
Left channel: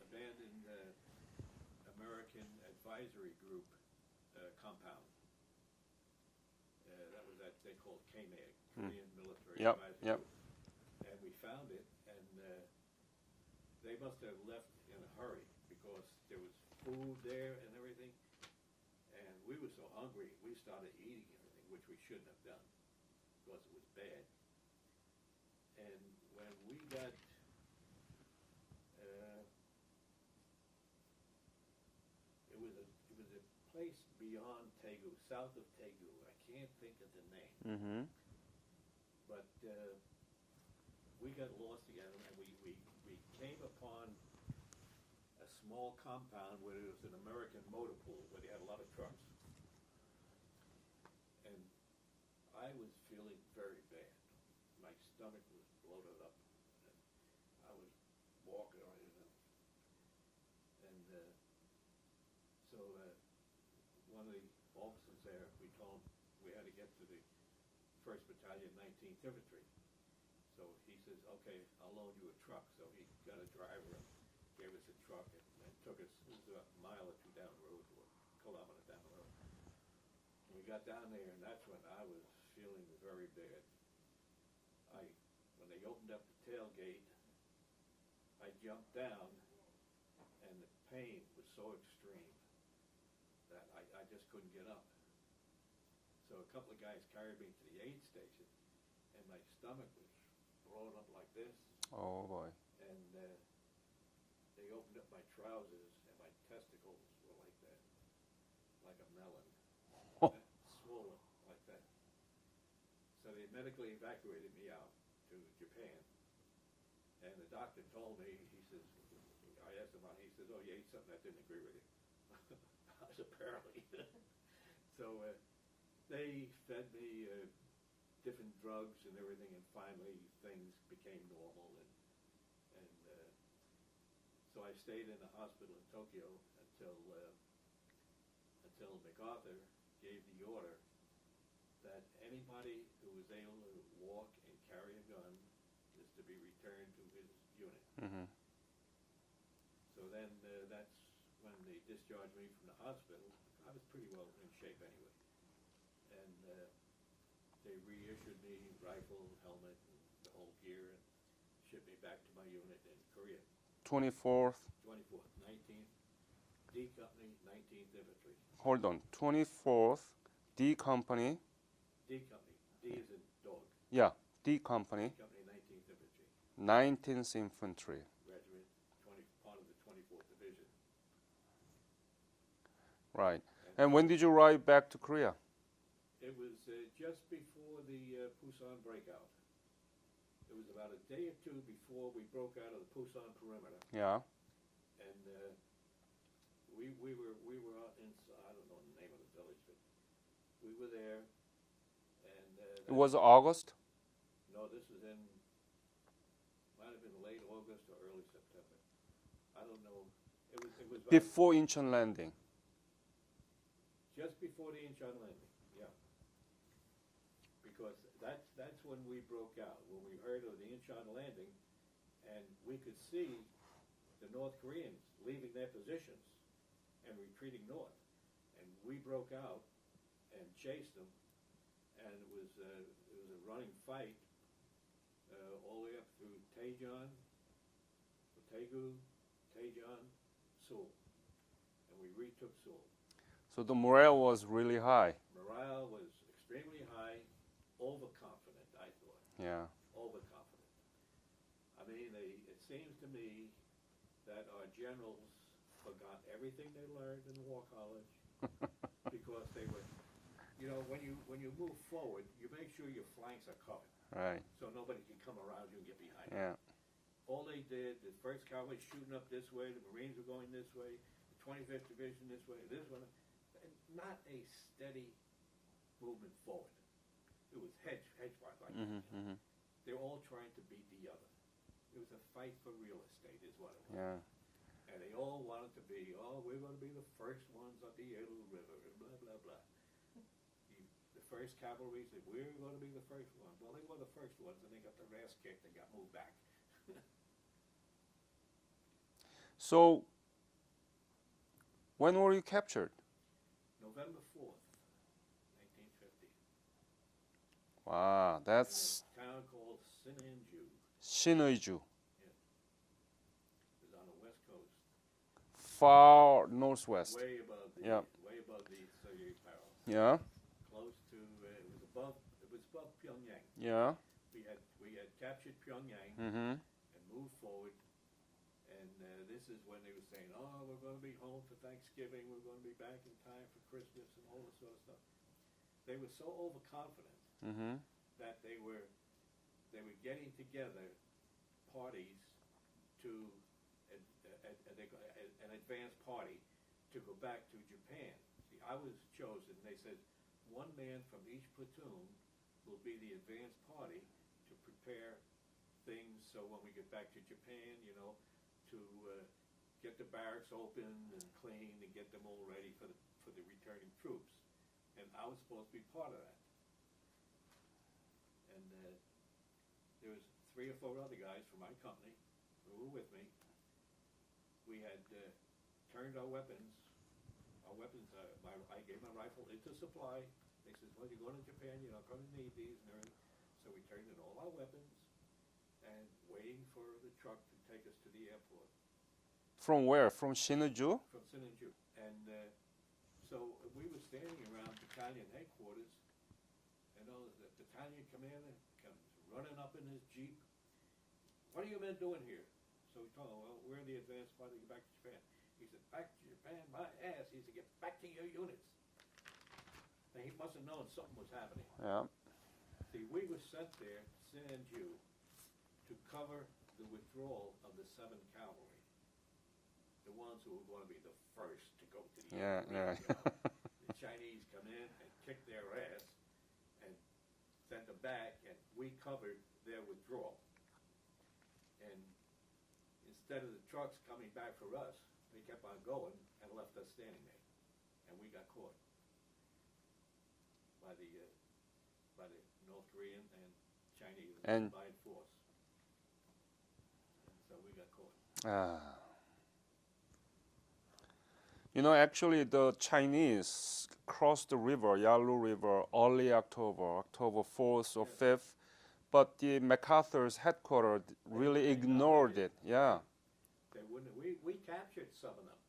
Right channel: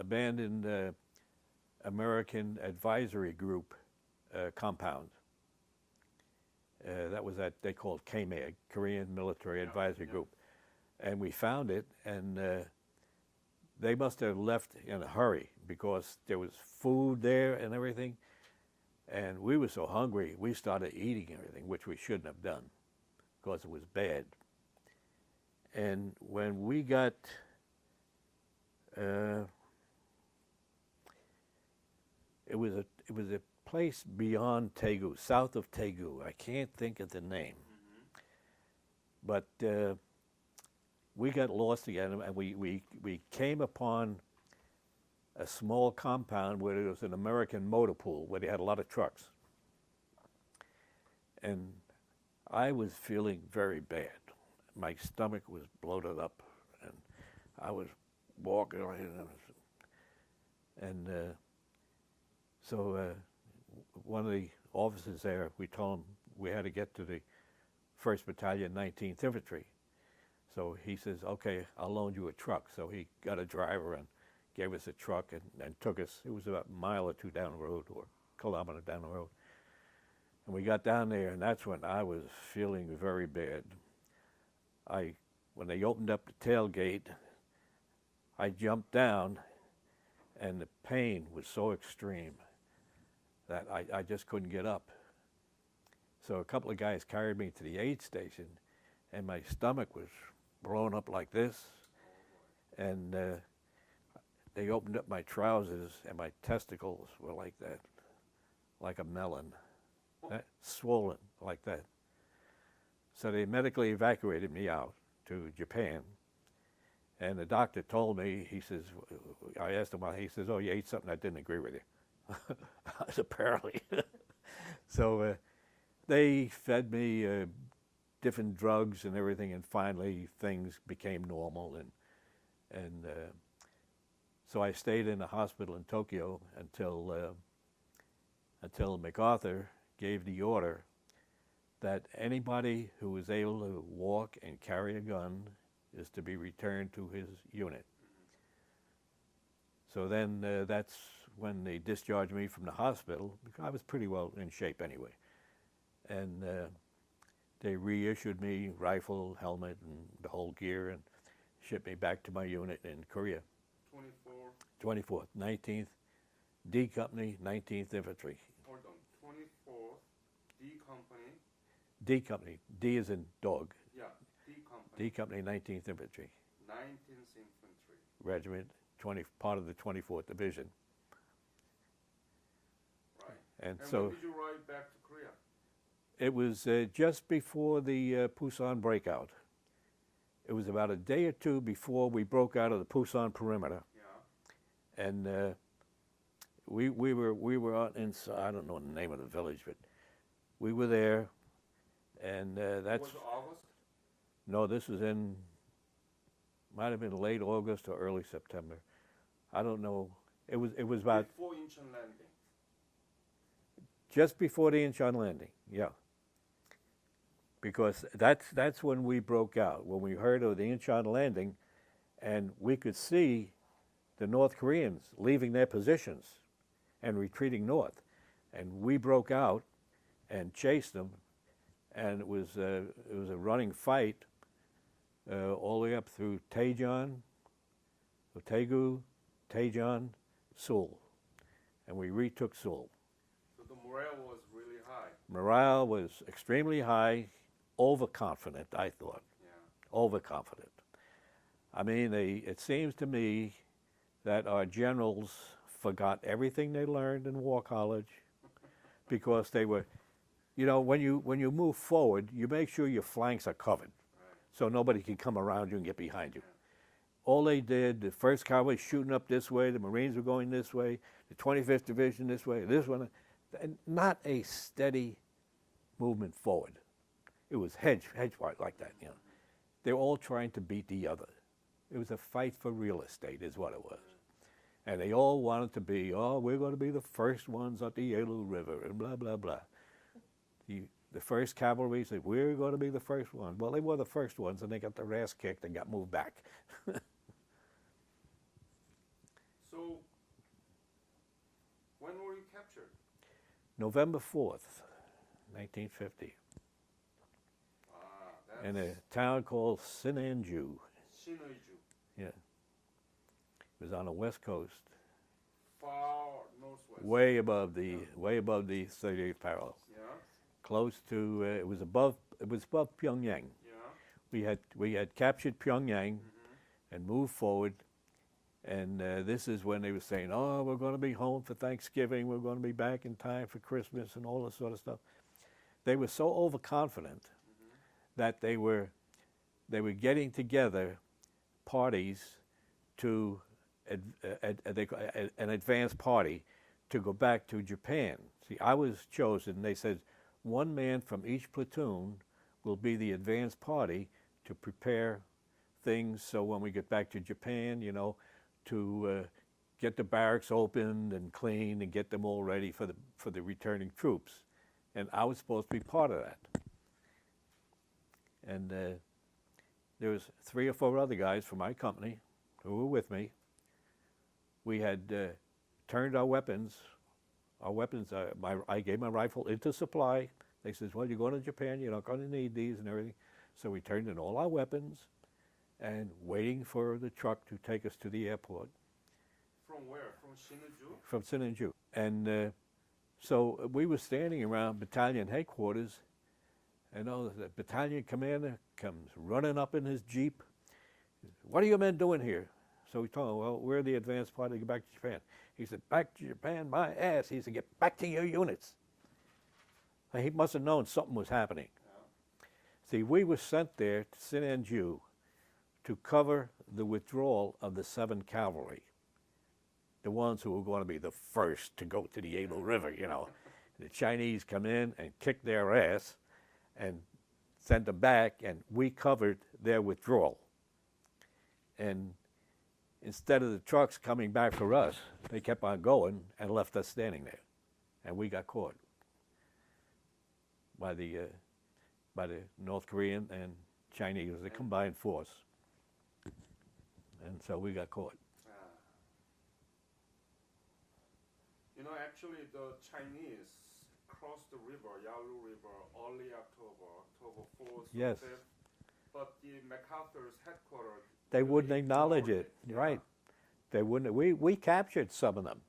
abandoned American advisory group compound. That was they called KMAG, Korean Military Yep, Advisory yep. Group. And we found it, and they must have left in a hurry because there was food there and everything. And we were so hungry, we started eating everything, which we shouldn't have done because it was bad. And when we got, it was a place beyond Daegu, south of Daegu. I can't think of the name, Mm-hmm. but we got lost again, and we came upon a small compound where there was an American motor pool where they had a lot of trucks. And I was feeling very bad. My stomach was bloated up, and I was walking around. And so one of the officers there, we told him we had to get to the 1st Battalion, 19th Infantry. So he says, okay, I'll loan you a truck. So he got a driver and gave us a truck and took us. It was about a mile or two down the road, or a kilometer down the road. And we got down there, and that's when I was feeling very bad. When they opened up the tailgate, I jumped down, and the pain was so extreme that I just couldn't get up. So a couple of guys carried me to the aid station, and my stomach was blown up like this. Oh boy. And they opened up my trousers, and my testicles were like that, like a melon, swollen like that. So they medically evacuated me out to Japan. And the doctor told me, he says, I asked him, he says, oh, you ate something that didn't agree with you. Apparently. So they fed me different drugs and everything, and finally things became normal. And so I stayed in the hospital in Tokyo until MacArthur gave the order that anybody who was able to walk and carry a gun is to be returned to his unit. Mm-hmm. So then that's when they discharged me from the hospital, because I was pretty well in shape anyway. And they reissued me rifle, helmet, and the whole gear, and shipped me back to my unit in Korea. 24th. 24th, 19th, D Company, 19th Infantry. Hold on. 24th D Company. D Company, D is in dog. Yeah. D D Company. Company, 19th Infantry 19th Infantry. Regiment, part of the 24th Division. Right. And so when did you arrive back to Korea? It was just before the Pusan breakout. It was about a day or two before we broke out of the Pusan perimeter, Yeah. and we were out in, I don't know the name of the village, but we were there, And It that's was August. no, this was in might have been late August or early September. I don't know. It was about Before Incheon landing. just before the Incheon landing. Yeah. Because that's when we broke out. When we heard of the Incheon landing, and we could see the North Koreans leaving their positions and retreating north, and we broke out and chased them, and it was a running fight all the way up through Daejeon, Daegu, Daejeon, Seoul, and we retook Seoul. So the morale was really high. Morale was extremely high, overconfident, I thought, Yeah. overconfident. I mean, it seems to me that our generals forgot everything they learned in War College because they were, when you move forward, you make sure your flanks are covered Right. so nobody can come around you and get behind you. Yeah. All they did, the 1st Cavalry shooting up this way, the Marines were going this way, the 25th Division this way, this one, and not a steady movement forward. It was hedge fight like that. Mhm. They were all trying to beat the other. It was a fight for real estate, is what it was. Yeah. And they all wanted to be, we're going to be the first ones up the Yalu River, and blah, blah, blah. The 1st Cavalry said, we're going to be the first ones. Well, they were the first ones, and they got their ass kicked and got moved back. So when were you captured? November 4th, 1950, Wow, in a that's town called Sinanju. Shineuju, Yeah. It was on the west coast, far northwest. way above the Yeah. 38th parallel, Yeah. close to it was above Pyongyang. Yeah. We had captured Pyongyang Mm-hmm. and moved forward, and this is when they were saying, we're going to be home for Thanksgiving, we're going to be back in time for Christmas and all this sort of stuff. They were so overconfident Mm-hmm. that they were getting together parties to an advance party to go back to Japan. See, I was chosen. They said one man from each platoon will be the advance party to prepare things so when we get back to Japan, to get the barracks opened and cleaned and get them all ready for the returning troops. And I was supposed to be part of that. And there was 3 or 4 other guys from my company who were with me. We had turned our weapons. I gave my rifle into supply. They says, well, you're going to Japan, you're not going to need these and everything. So we turned in all our weapons and waiting for the truck to take us to the airport. From where? From Shineuju? From Sinanju. And so we were standing around battalion headquarters, and the battalion commander comes running up in his Jeep. What are you men doing here? So we told him, well, we're the advance party to get back to Japan. He said, back to Japan, my ass. He said, get back to your units. And he must have known something was happening. Yeah. See, we were sent there to Sinanju to cover the withdrawal of the 7th Cavalry, the ones who were going to be the first to go to the Yeah, Yalu River, yeah. The Chinese come in and kick their ass and send them back, and we covered their withdrawal. And instead of the trucks coming back for us, they kept on going and left us standing there. And we got caught by the North Korean and Chinese, a And- combined force. And so we got caught. Actually, the Chinese crossed the river, Yalu River, early October 4th or Yes. 5th, but the MacArthur's headquarters They really wouldn't acknowledge ignored it. Yeah. Right. They wouldn't. We captured some of them,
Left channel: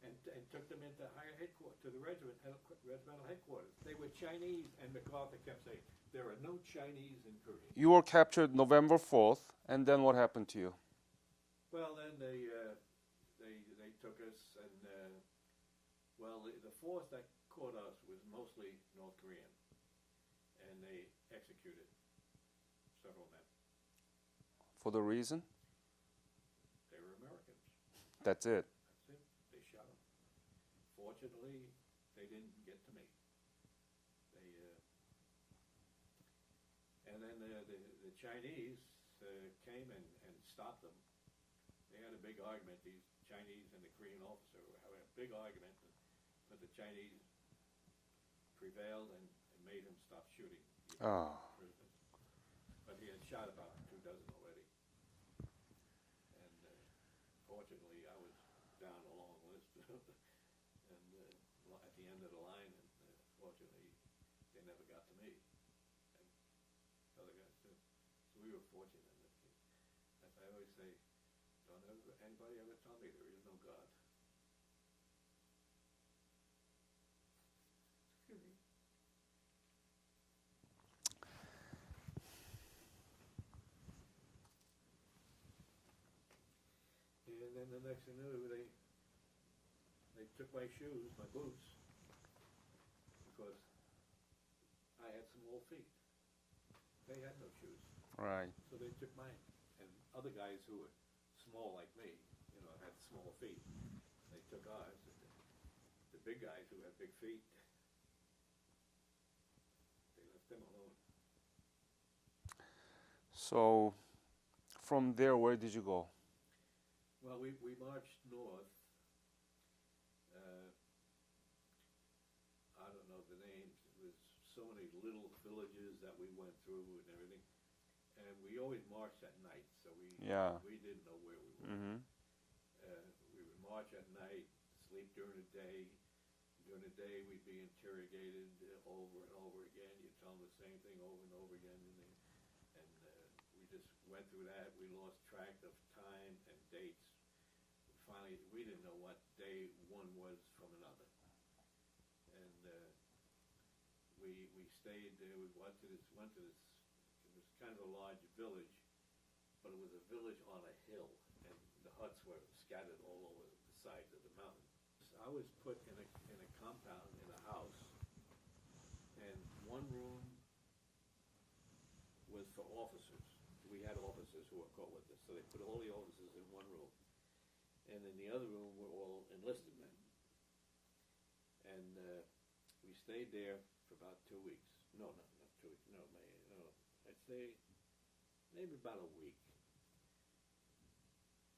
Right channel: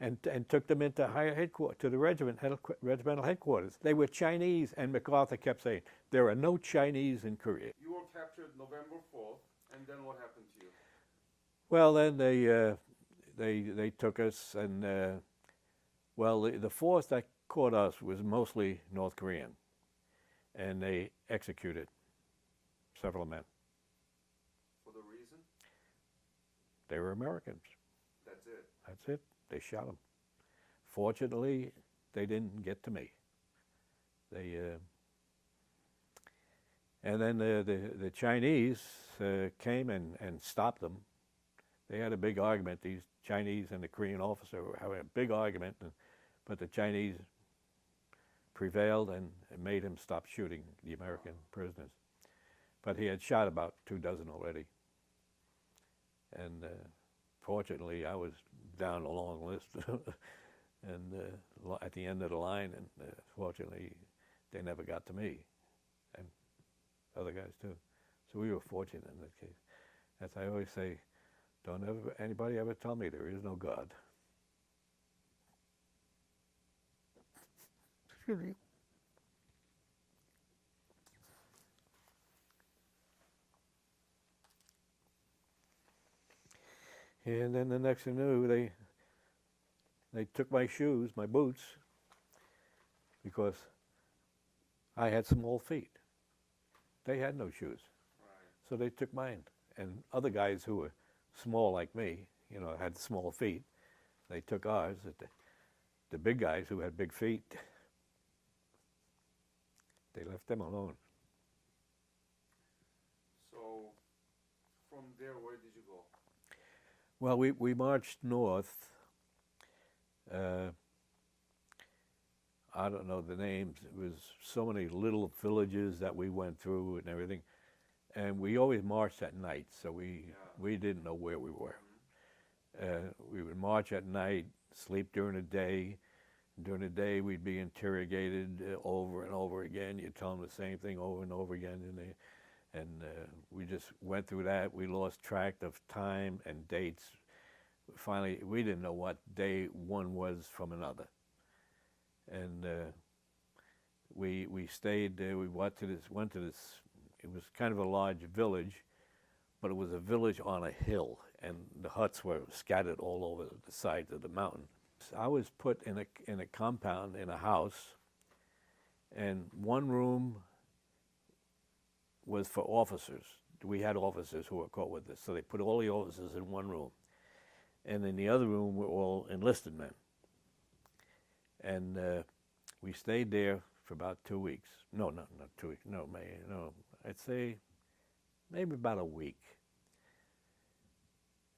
and took them into higher headquarters, to the regimental headquarters. They were Chinese, and MacArthur kept saying there are no Chinese in Korea. You were captured November 4th, and then what happened to you? Well, then they took us, and the force that caught us was mostly North Korean, and they executed several men. For the reason? They were Americans. That's it. That's it. They shot them. Fortunately, they didn't get to me. And then the Chinese came and stopped them. They had a big argument. These Chinese and the Korean officer were having a big argument, but the Chinese prevailed and made him stop shooting the American prisoners. But he had shot about 24 already. And fortunately, I was down a long list and at the end of the line, and fortunately, they never got to me, and other guys too. So we were fortunate in this case. As I always say, don't ever anybody ever tell me there is no God. Excuse me. And then the next thing I knew, they took my shoes, my boots, because I had small feet. They had no shoes. Right. So they took mine. And other guys who were small like me, you know, had small feet, they took ours. The big guys who had big feet, they left them alone. So from there, where did you go? Well, we marched north. I don't know the names. It was so many little villages that we went through and everything. And we always marched at night, so we didn't know where we were. Mm-hmm. We would march at night, sleep during the day. During the day, we'd be interrogated over and over again. You'd tell them the same thing over and over again. And we just went through that. We lost track of time and dates. Finally, we didn't know what day one was from another. And we stayed there. We went to this. It was kind of a large village, but it was a village on a hill, and the huts were scattered all over the sides of the mountain. I was put in a compound in a house, and one room was for officers. We had officers who were caught with this, so they put all the officers in one room. And in the other room were all enlisted men. And we stayed there for about 2 weeks. No, not 2 weeks. No, I'd say maybe about a week.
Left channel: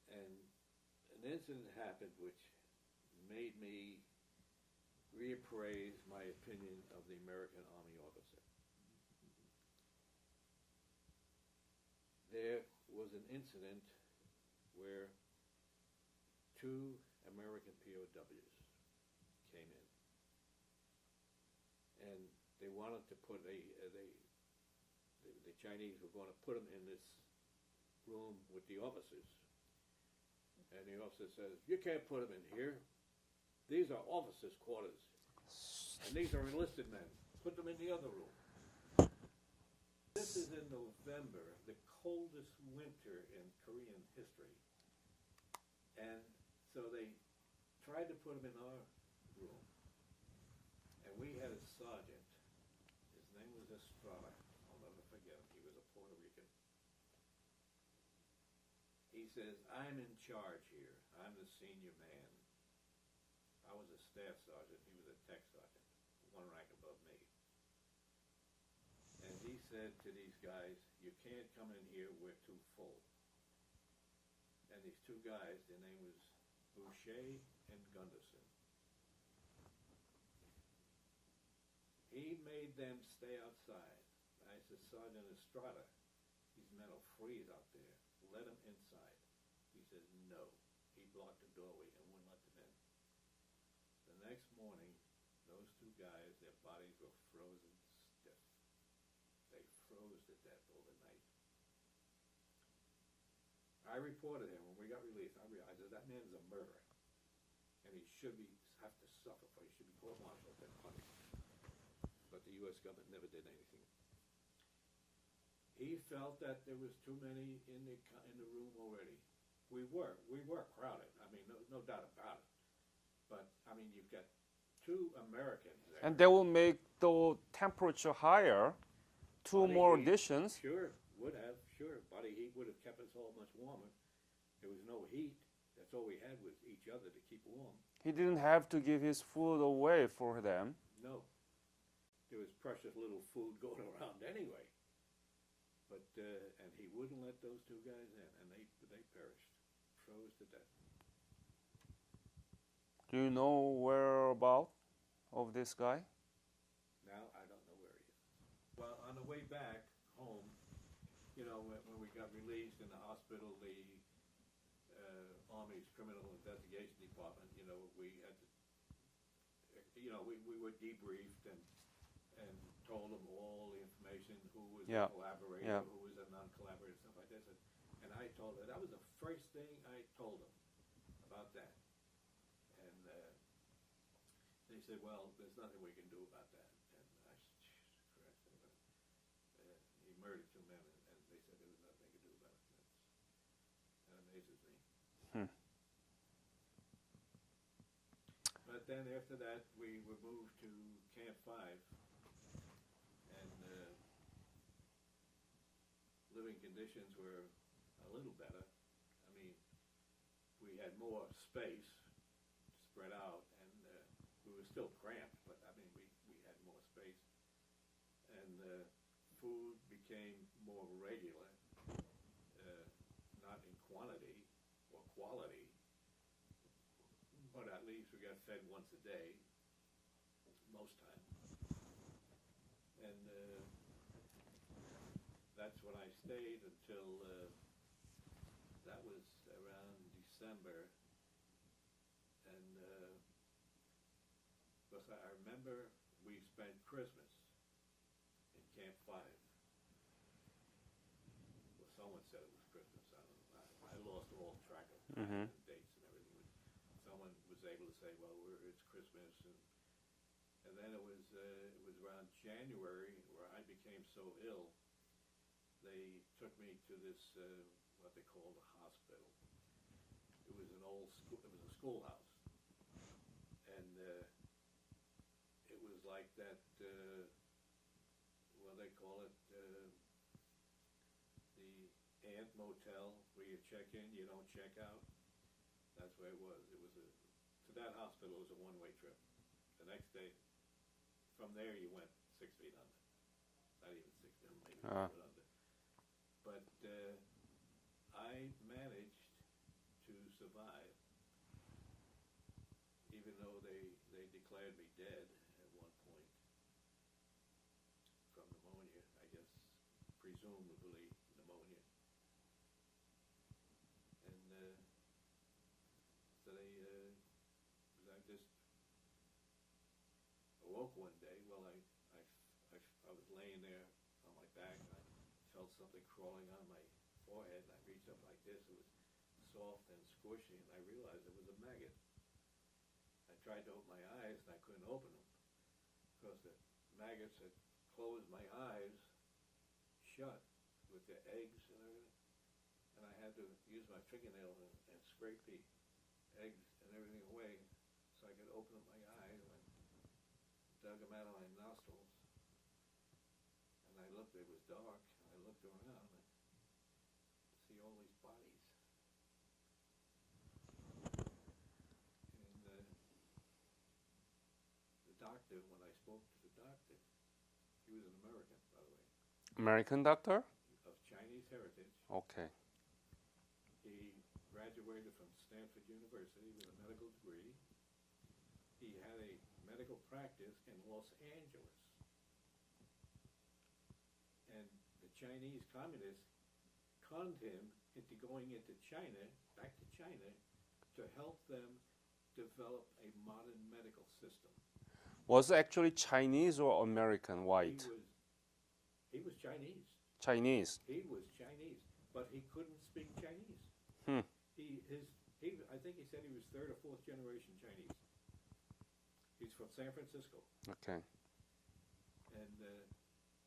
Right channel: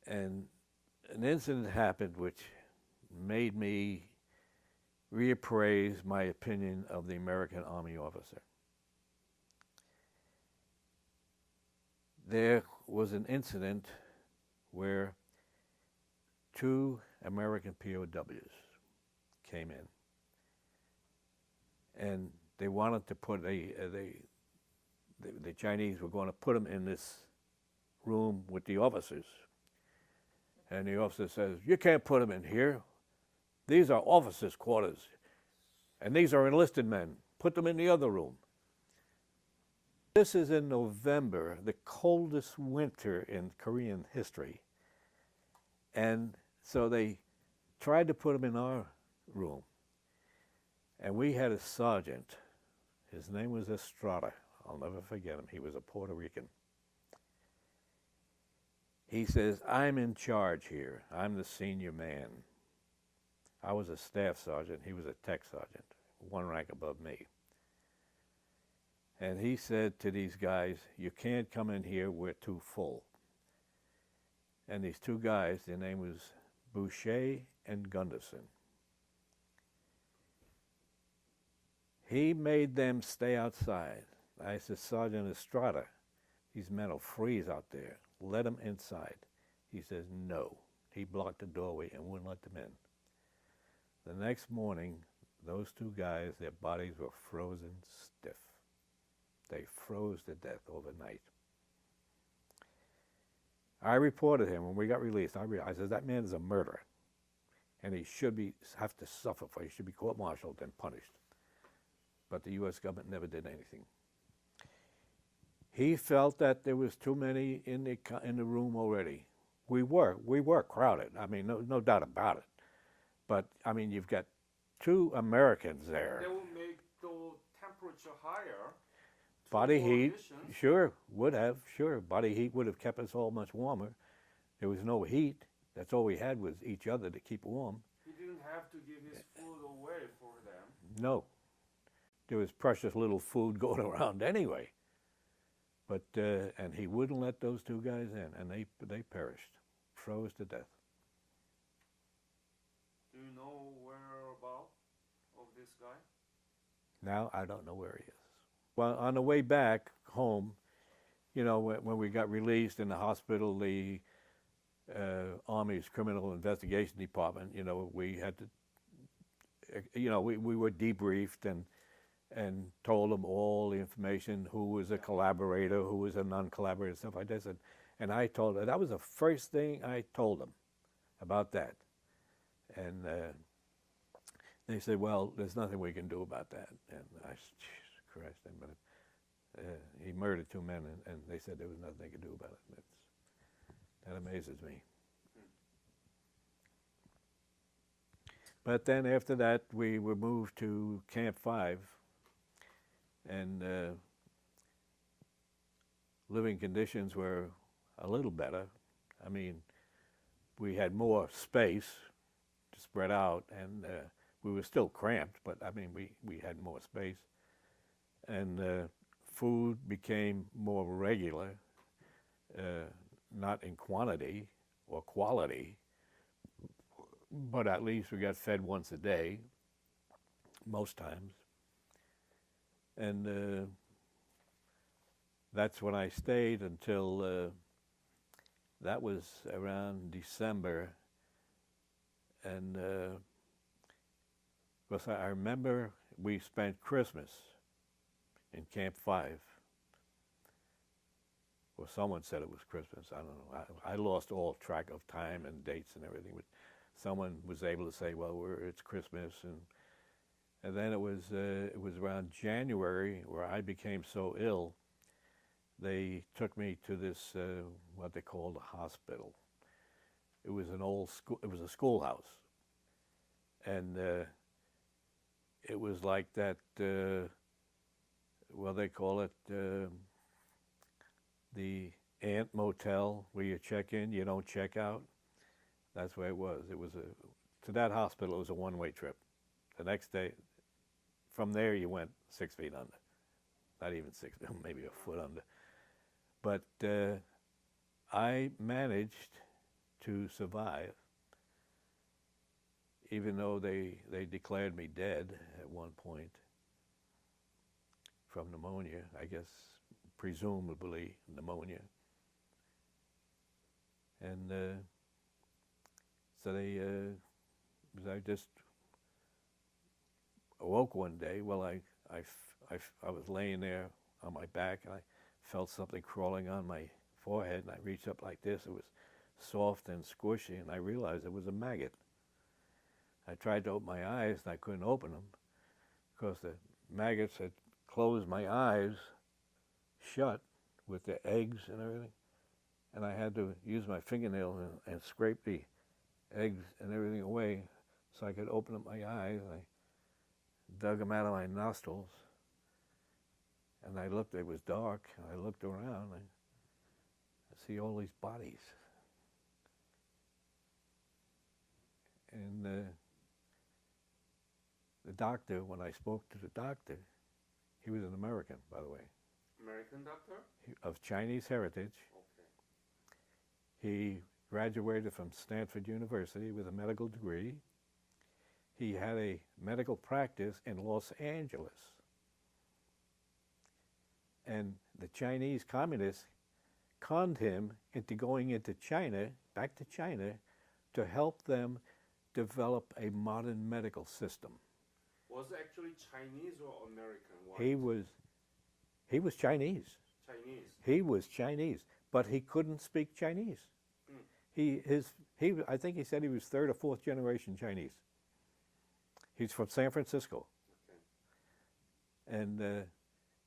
And an incident happened which made me reappraise my opinion of the American Army officer. There was an incident where 2 American POWs came in, and they wanted to put the Chinese were going to put them in this room with the officers. And the officer says, "You can't put them in here. These are officers' quarters, and these are enlisted men. Put them in the other room." This is in November, the coldest winter in Korean history. And so they tried to put him in our room. And we had a sergeant. His name was Estrada. I'll never forget him. He was a Puerto Rican. He says, "I'm in charge here. I'm the senior man." I was a staff sergeant. He was a tech sergeant, one rank above me. And he said to these guys, "You can't come in here. We're too full." And these 2 guys, their name was Boucher and Gunderson. He made them stay outside. I said, "Sergeant Estrada, these men will freeze out there. Let them inside." He says, "No." He blocked the doorway and wouldn't let them in. The next morning, those 2 guys, their bodies were frozen stiff. They froze to death overnight. I reported him when we got released. I said, "That man is a murderer, and he should have to suffer for it. He should be court-martialed and punished." But the U.S. government never did anything. He felt that there was too many in the room already. We were crowded. I mean, no doubt about it. But I mean, you've got 2 Americans there. And that will make the temperature higher. 2 Body more heat, additions. sure, would have, sure. Body heat would have kept us all much warmer. There was no heat. That's all we had was each other to keep warm. He didn't have to give his food away for them. No. There was precious little food going around anyway. But and he wouldn't let those two guys in, and they perished, froze to death. Do you know whereabout of this guy? Now I don't know where he is. Well, on the way back home, you know, when we got released in the hospital, the Army's Criminal Investigation Department, you know, we had to, you know, we were debriefed and told them all the information, who was a Yeah. collaborator, Yeah. who was a non-collaborator, stuff like this. And I told her, that was the first thing I told them about that. And they said, well, there's nothing we can do about that. And I said, Jesus Christ, but he murdered two men, and they said there was nothing they could do about it. That amazes me. But then after that, we were moved to Camp 5, and living conditions were a little better. I mean, we had more space to spread out, and we were still cramped, but I mean, we had more space. And food became more regular, not in quantity or quality, but at least we got fed once a day, most times. And that's when I stayed until that was around December. And because I remember we spent Christmas in Camp 5. Well, someone said it was Christmas. I don't know. I lost all track of time and dates and everything. But someone was able to say, well, it's Christmas. And then it was around January where I became so ill, they took me to this, what they called a hospital. It was an old school, it was a schoolhouse. And it was like that, well, they call it the Ant Motel, where you check in, you don't check out. That's where it was. It was to that hospital, it was a one-way trip. The next day, from there you went 6 feet under. Not even 6, maybe a foot under. But I managed to survive, even though they declared me dead at one point from pneumonia, I guess, presumably pneumonia. And so I just awoke one day. Well, I was laying there on my back, and I felt something crawling on my forehead, and I reached up like this. It was soft and squishy, and I realized it was a maggot. I tried to open my eyes, and I couldn't open them because the maggots had closed my eyes shut with the eggs and everything. And I had to use my fingernail and scrape the eggs and everything away so I could open up my eyes. I dug them out of my nostrils, and I looked. It was dark, and I looked around, and I see all these bodies. And the doctor, when I spoke to the doctor, he was an American, by the way. American doctor? Of Chinese heritage. Okay. He graduated from Stanford University with a medical degree. He had a medical practice in Los Angeles. And the Chinese communists conned him into going into China, back to China, to help them develop a modern medical system. Was it actually Chinese or American white? He was Chinese. Chinese. He was Chinese, but he couldn't speak Chinese. I think he said he was 3rd or 4th generation Chinese. He's from San Francisco. Okay. And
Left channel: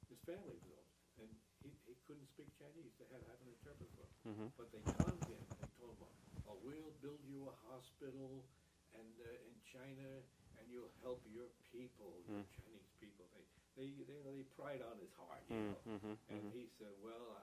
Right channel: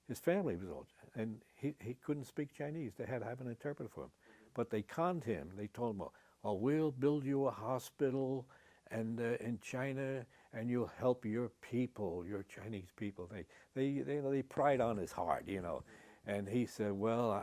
his family was all, and he couldn't speak Chinese. They had to have an interpreter for him. But they conned him. They told him, oh, we'll build you a hospital and in China, and you'll help your people, your Chinese people. They pried on his heart, you know. And he said, well,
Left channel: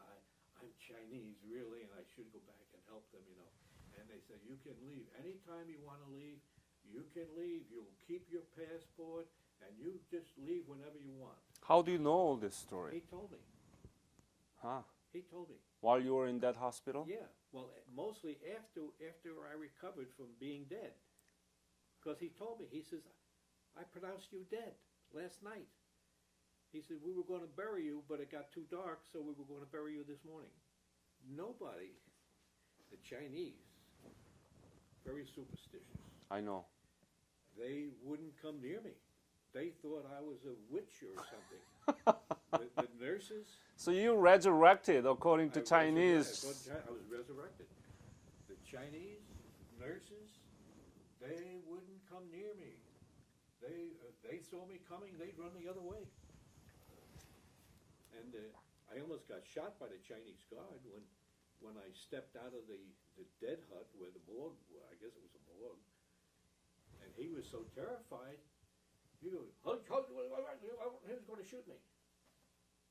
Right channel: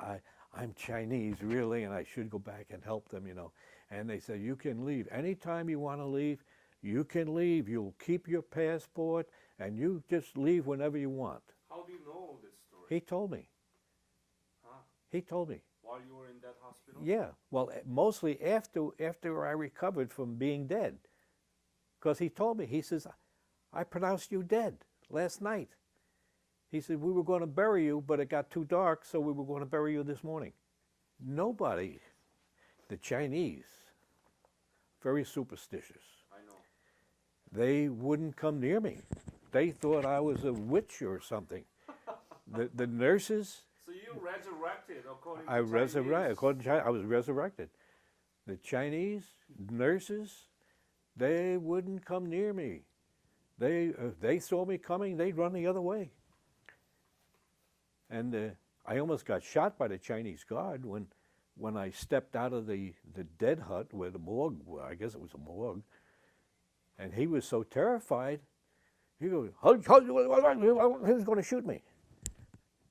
I'm Chinese, really, and I should go back and help them, you know. And they said, you can leave. Anytime you want to leave, you can leave. You'll keep your passport, and you just leave whenever you want. How do you know this story? He told me. Huh. He told me. While you were in that hospital? Yeah. Well, mostly after I recovered from being dead, because he told me. He says, "I pronounced you dead last night." He said, "We were going to bury you, but it got too dark, so we were going to bury you this morning." Nobody, the Chinese, very superstitious. I know. They wouldn't come near me. They thought I was a witch or something. The nurses, So you resurrected according to Chinese. according to China, I was resurrected. The Chinese nurses, they wouldn't come near me. If they saw me coming, they'd run the other way. And I almost got shot by the Chinese guard when I stepped out of the dead hut where the morgue, I guess it was a morgue, and he was so terrified, he goes, he was going to shoot me.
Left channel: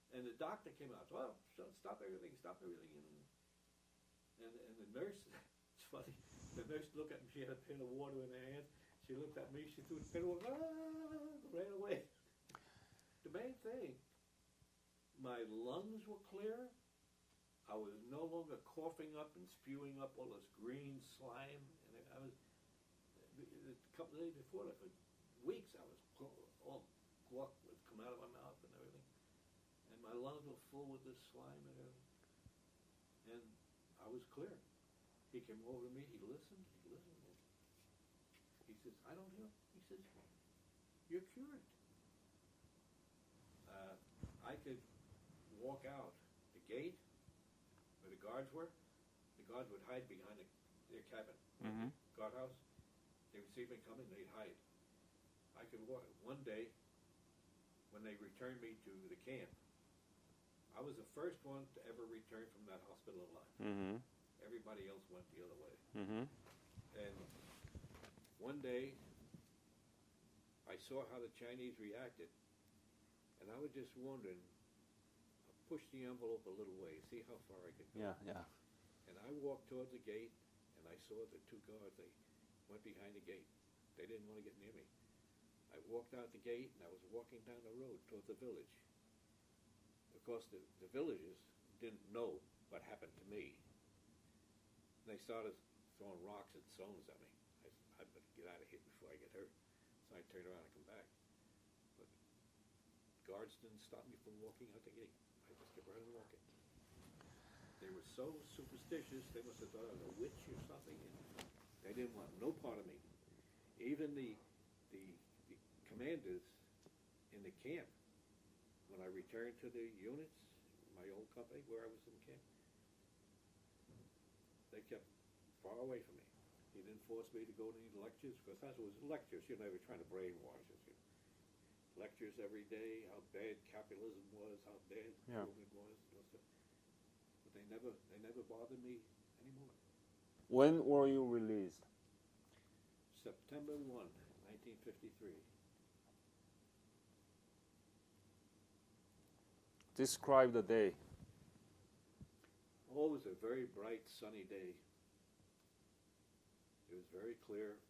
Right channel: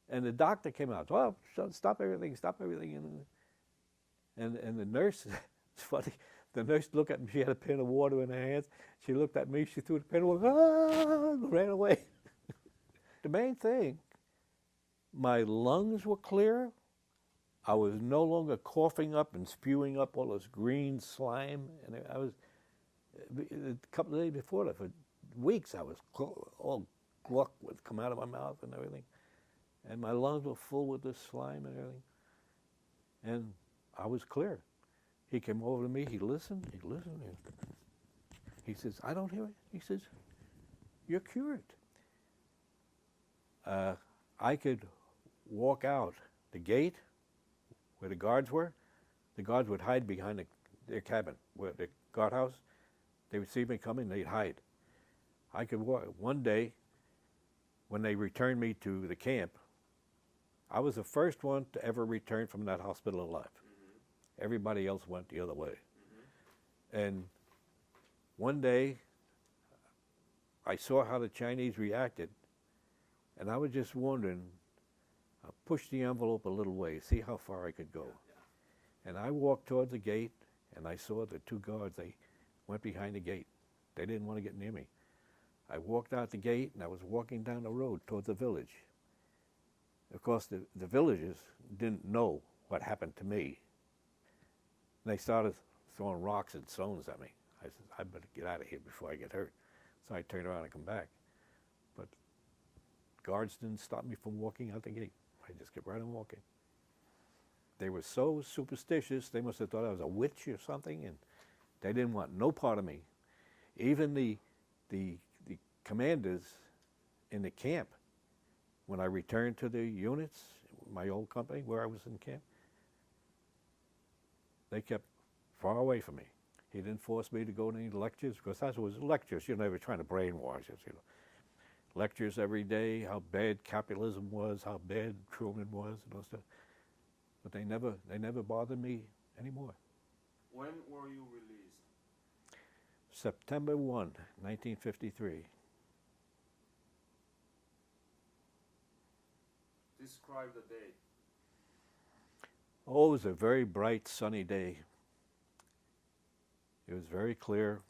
And the doctor came out, "Well, stop everything, stop everything." And the nurse, it's funny, the nurse looked at me, she had a pan of water in her hands, she looked at me, she threw the pan of water, ran away. The main thing, my lungs were clear. I was no longer coughing up and spewing up all this green slime. And I was, a couple of days before that, for weeks, I was all gluck would come out of my mouth and everything. And my lungs were full with this slime and everything. And I was clear. He came over to me, he listened. And he says, "I don't hear it." He says, "You're cured." I could walk out the gate where the guards were. The guards would hide behind their cabin, where the guardhouse. They would see me coming, they'd hide. I could walk. One day, when they returned me to the camp, I was the first one to ever return from that hospital alive. Everybody else went the other way. And one day, I saw how the Chinese reacted, and I was just wondering, I'll push the envelope a little way, see how far I could go. And I walked towards the gate, and I saw the two guards. They went behind the gate. They didn't want to get near me. I walked out the gate, and I was walking down the road towards the village. Of course, the villagers didn't know what happened to me. And they started throwing rocks and stones at me. I said, "I better get out of here before I get hurt." So I turned around and come back. But guards didn't stop me from walking out the gate. I just kept right on walking. They were so superstitious, they must have thought I was a witch or something, and they didn't want no part of me. Even the commanders in the camp, when I returned to the units, my old company where I was in camp, they kept far away from me. He didn't force me to go to any lectures, because that was lectures. You know, they were trying to brainwash us, you know. Lectures every day, how bad capitalism was, how bad Truman was, and all stuff. But they never bothered me anymore. When were you released? September 1, 1953. Describe the day. Oh, it was a very bright, sunny day. It was very clear,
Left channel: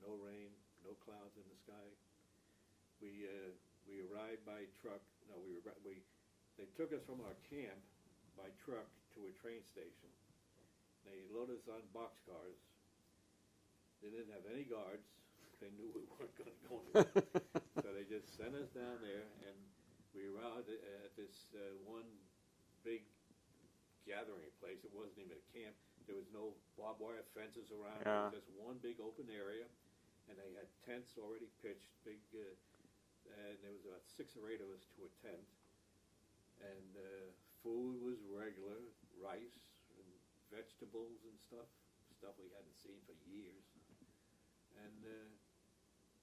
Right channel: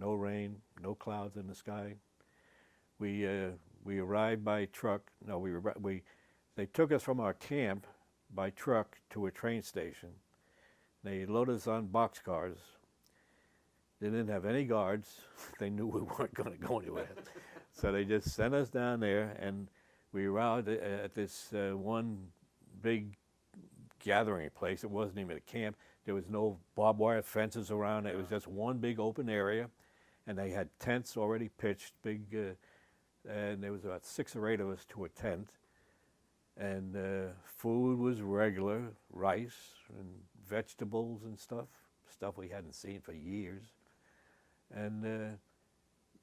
no rain, no clouds in the sky. We arrived by truck. No, they took us from our camp by truck to a train station. They loaded us on boxcars. They didn't have any guards. They knew we weren't going to go anywhere. So they just sent us down there, and we arrived at this one big gathering place. It wasn't even a camp. There was no barbed wire fences around. It was just one big open area, and they had tents already pitched, big, and there was about 6 or 8 of us to a tent. And food was regular, rice and vegetables and stuff we hadn't seen for years. And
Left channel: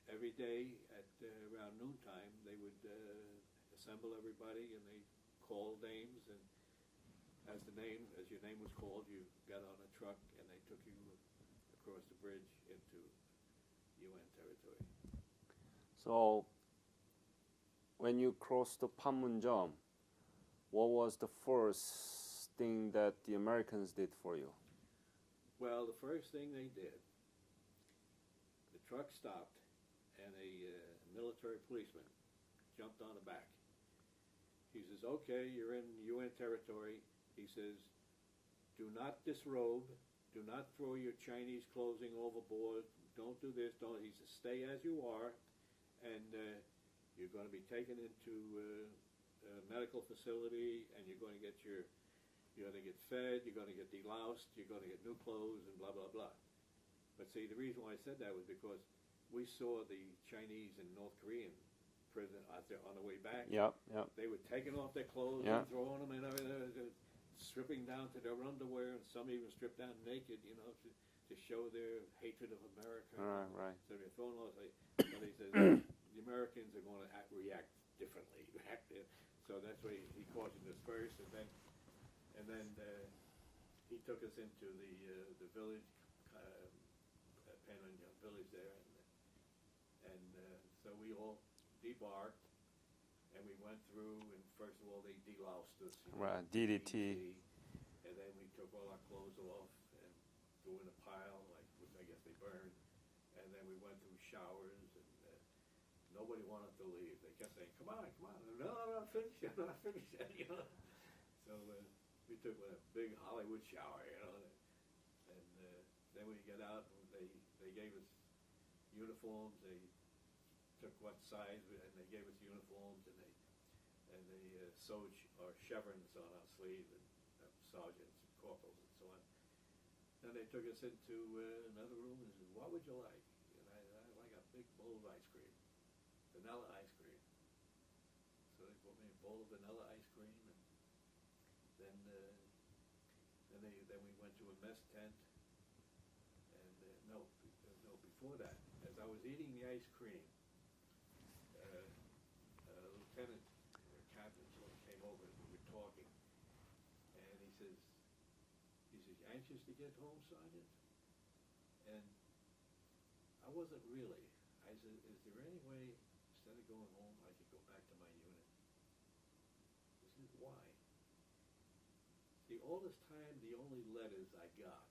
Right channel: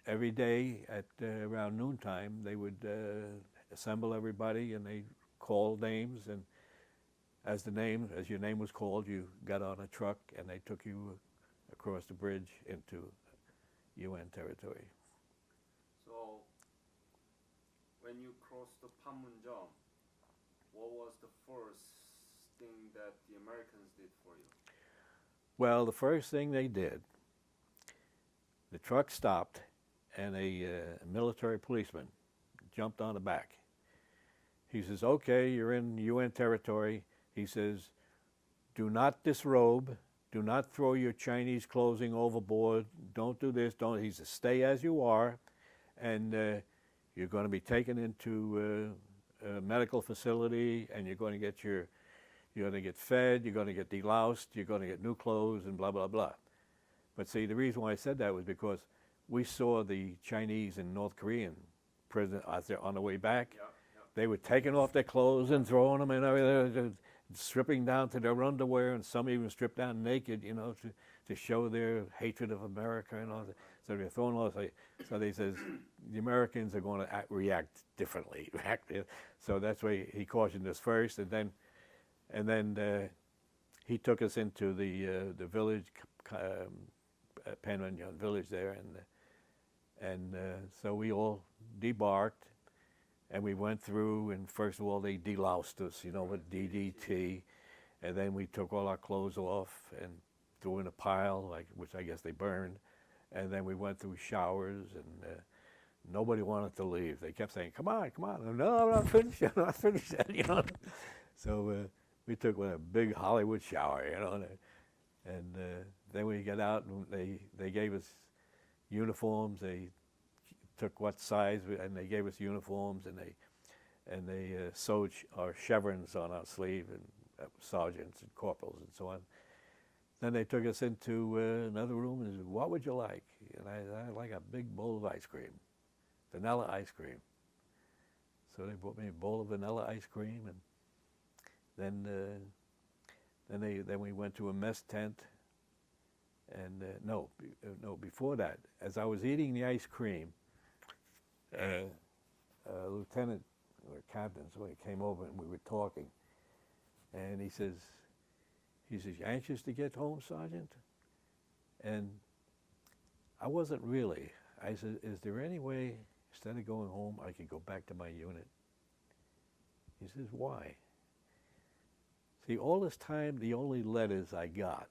every day at around noontime, they would assemble everybody, and they called names, and as your name was called, you got on a truck, and they took you across the bridge into UN territory. So, when you crossed the Panmunjom, what was the first thing that the Americans did for you? Well, the first thing they did, the truck stopped, and a military policeman jumped on the back. He says, okay, you're in UN territory. He says, do not disrobe. Do not throw your Chinese clothing overboard. Don't do this. Don't. He says, stay as you are, and you're going to be taken into a medical facility, and you're going to get fed. You're going to get deloused. You're going to get new clothes, and blah blah blah. But see, the reason why I said that was because we saw the Chinese and North Korean prison out there on the way back. Yep. They were taking off their clothes Yeah. and throwing them in everything, stripping down to their underwear, and some even stripped down naked, to show their hatred of America and all that. Right. So they're throwing all this. So they says the Americans are going to react differently. So that's why he cautioned us first, and then he took us into the village, Panmunjom village there, and so we all debarked, and we went through, and first of all they deloused us, Right, with DDT. DDT, and then we took all our clothes off and threw in a pile, which I guess they burned, and then we went through showers, and nobody wanted to leave. They kept saying, "Come on, come on!" No, I'm not finished yet. I'm not finished yet. So we took a big Hollywood shower, and then we got out, and they gave us uniforms. They took what size, and they gave us uniforms, and they sewed our chevrons on our sleeve, and sergeants and corporals and so on. Then they took us into another room and said, "What would you like?" And I like a big bowl of ice cream, vanilla ice cream. So they brought me a bowl of vanilla ice cream, and then we went to a mess tent. And no, before that, as I was eating the ice cream, lieutenant or captain, so he came over and we were talking, and he says, "You anxious to get home, Sergeant?" And I wasn't really. I said, "Is there any way, instead of going home, I could go back to my unit?" He says, "Why?" See, all this time, the only letters I got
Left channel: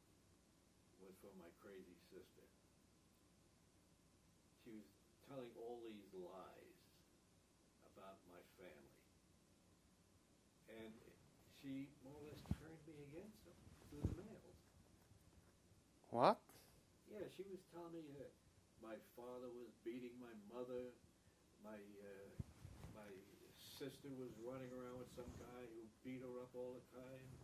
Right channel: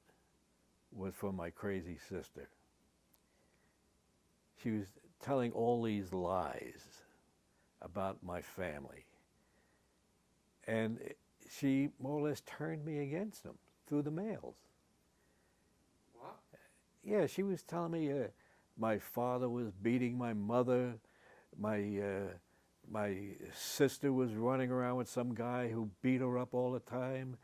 was from my crazy sister. She was telling all these lies about my family. And she more or less turned me against them through the mails. What? Yeah, she was telling me my father was beating my mother, my sister was running around with some guy who beat her up all the time.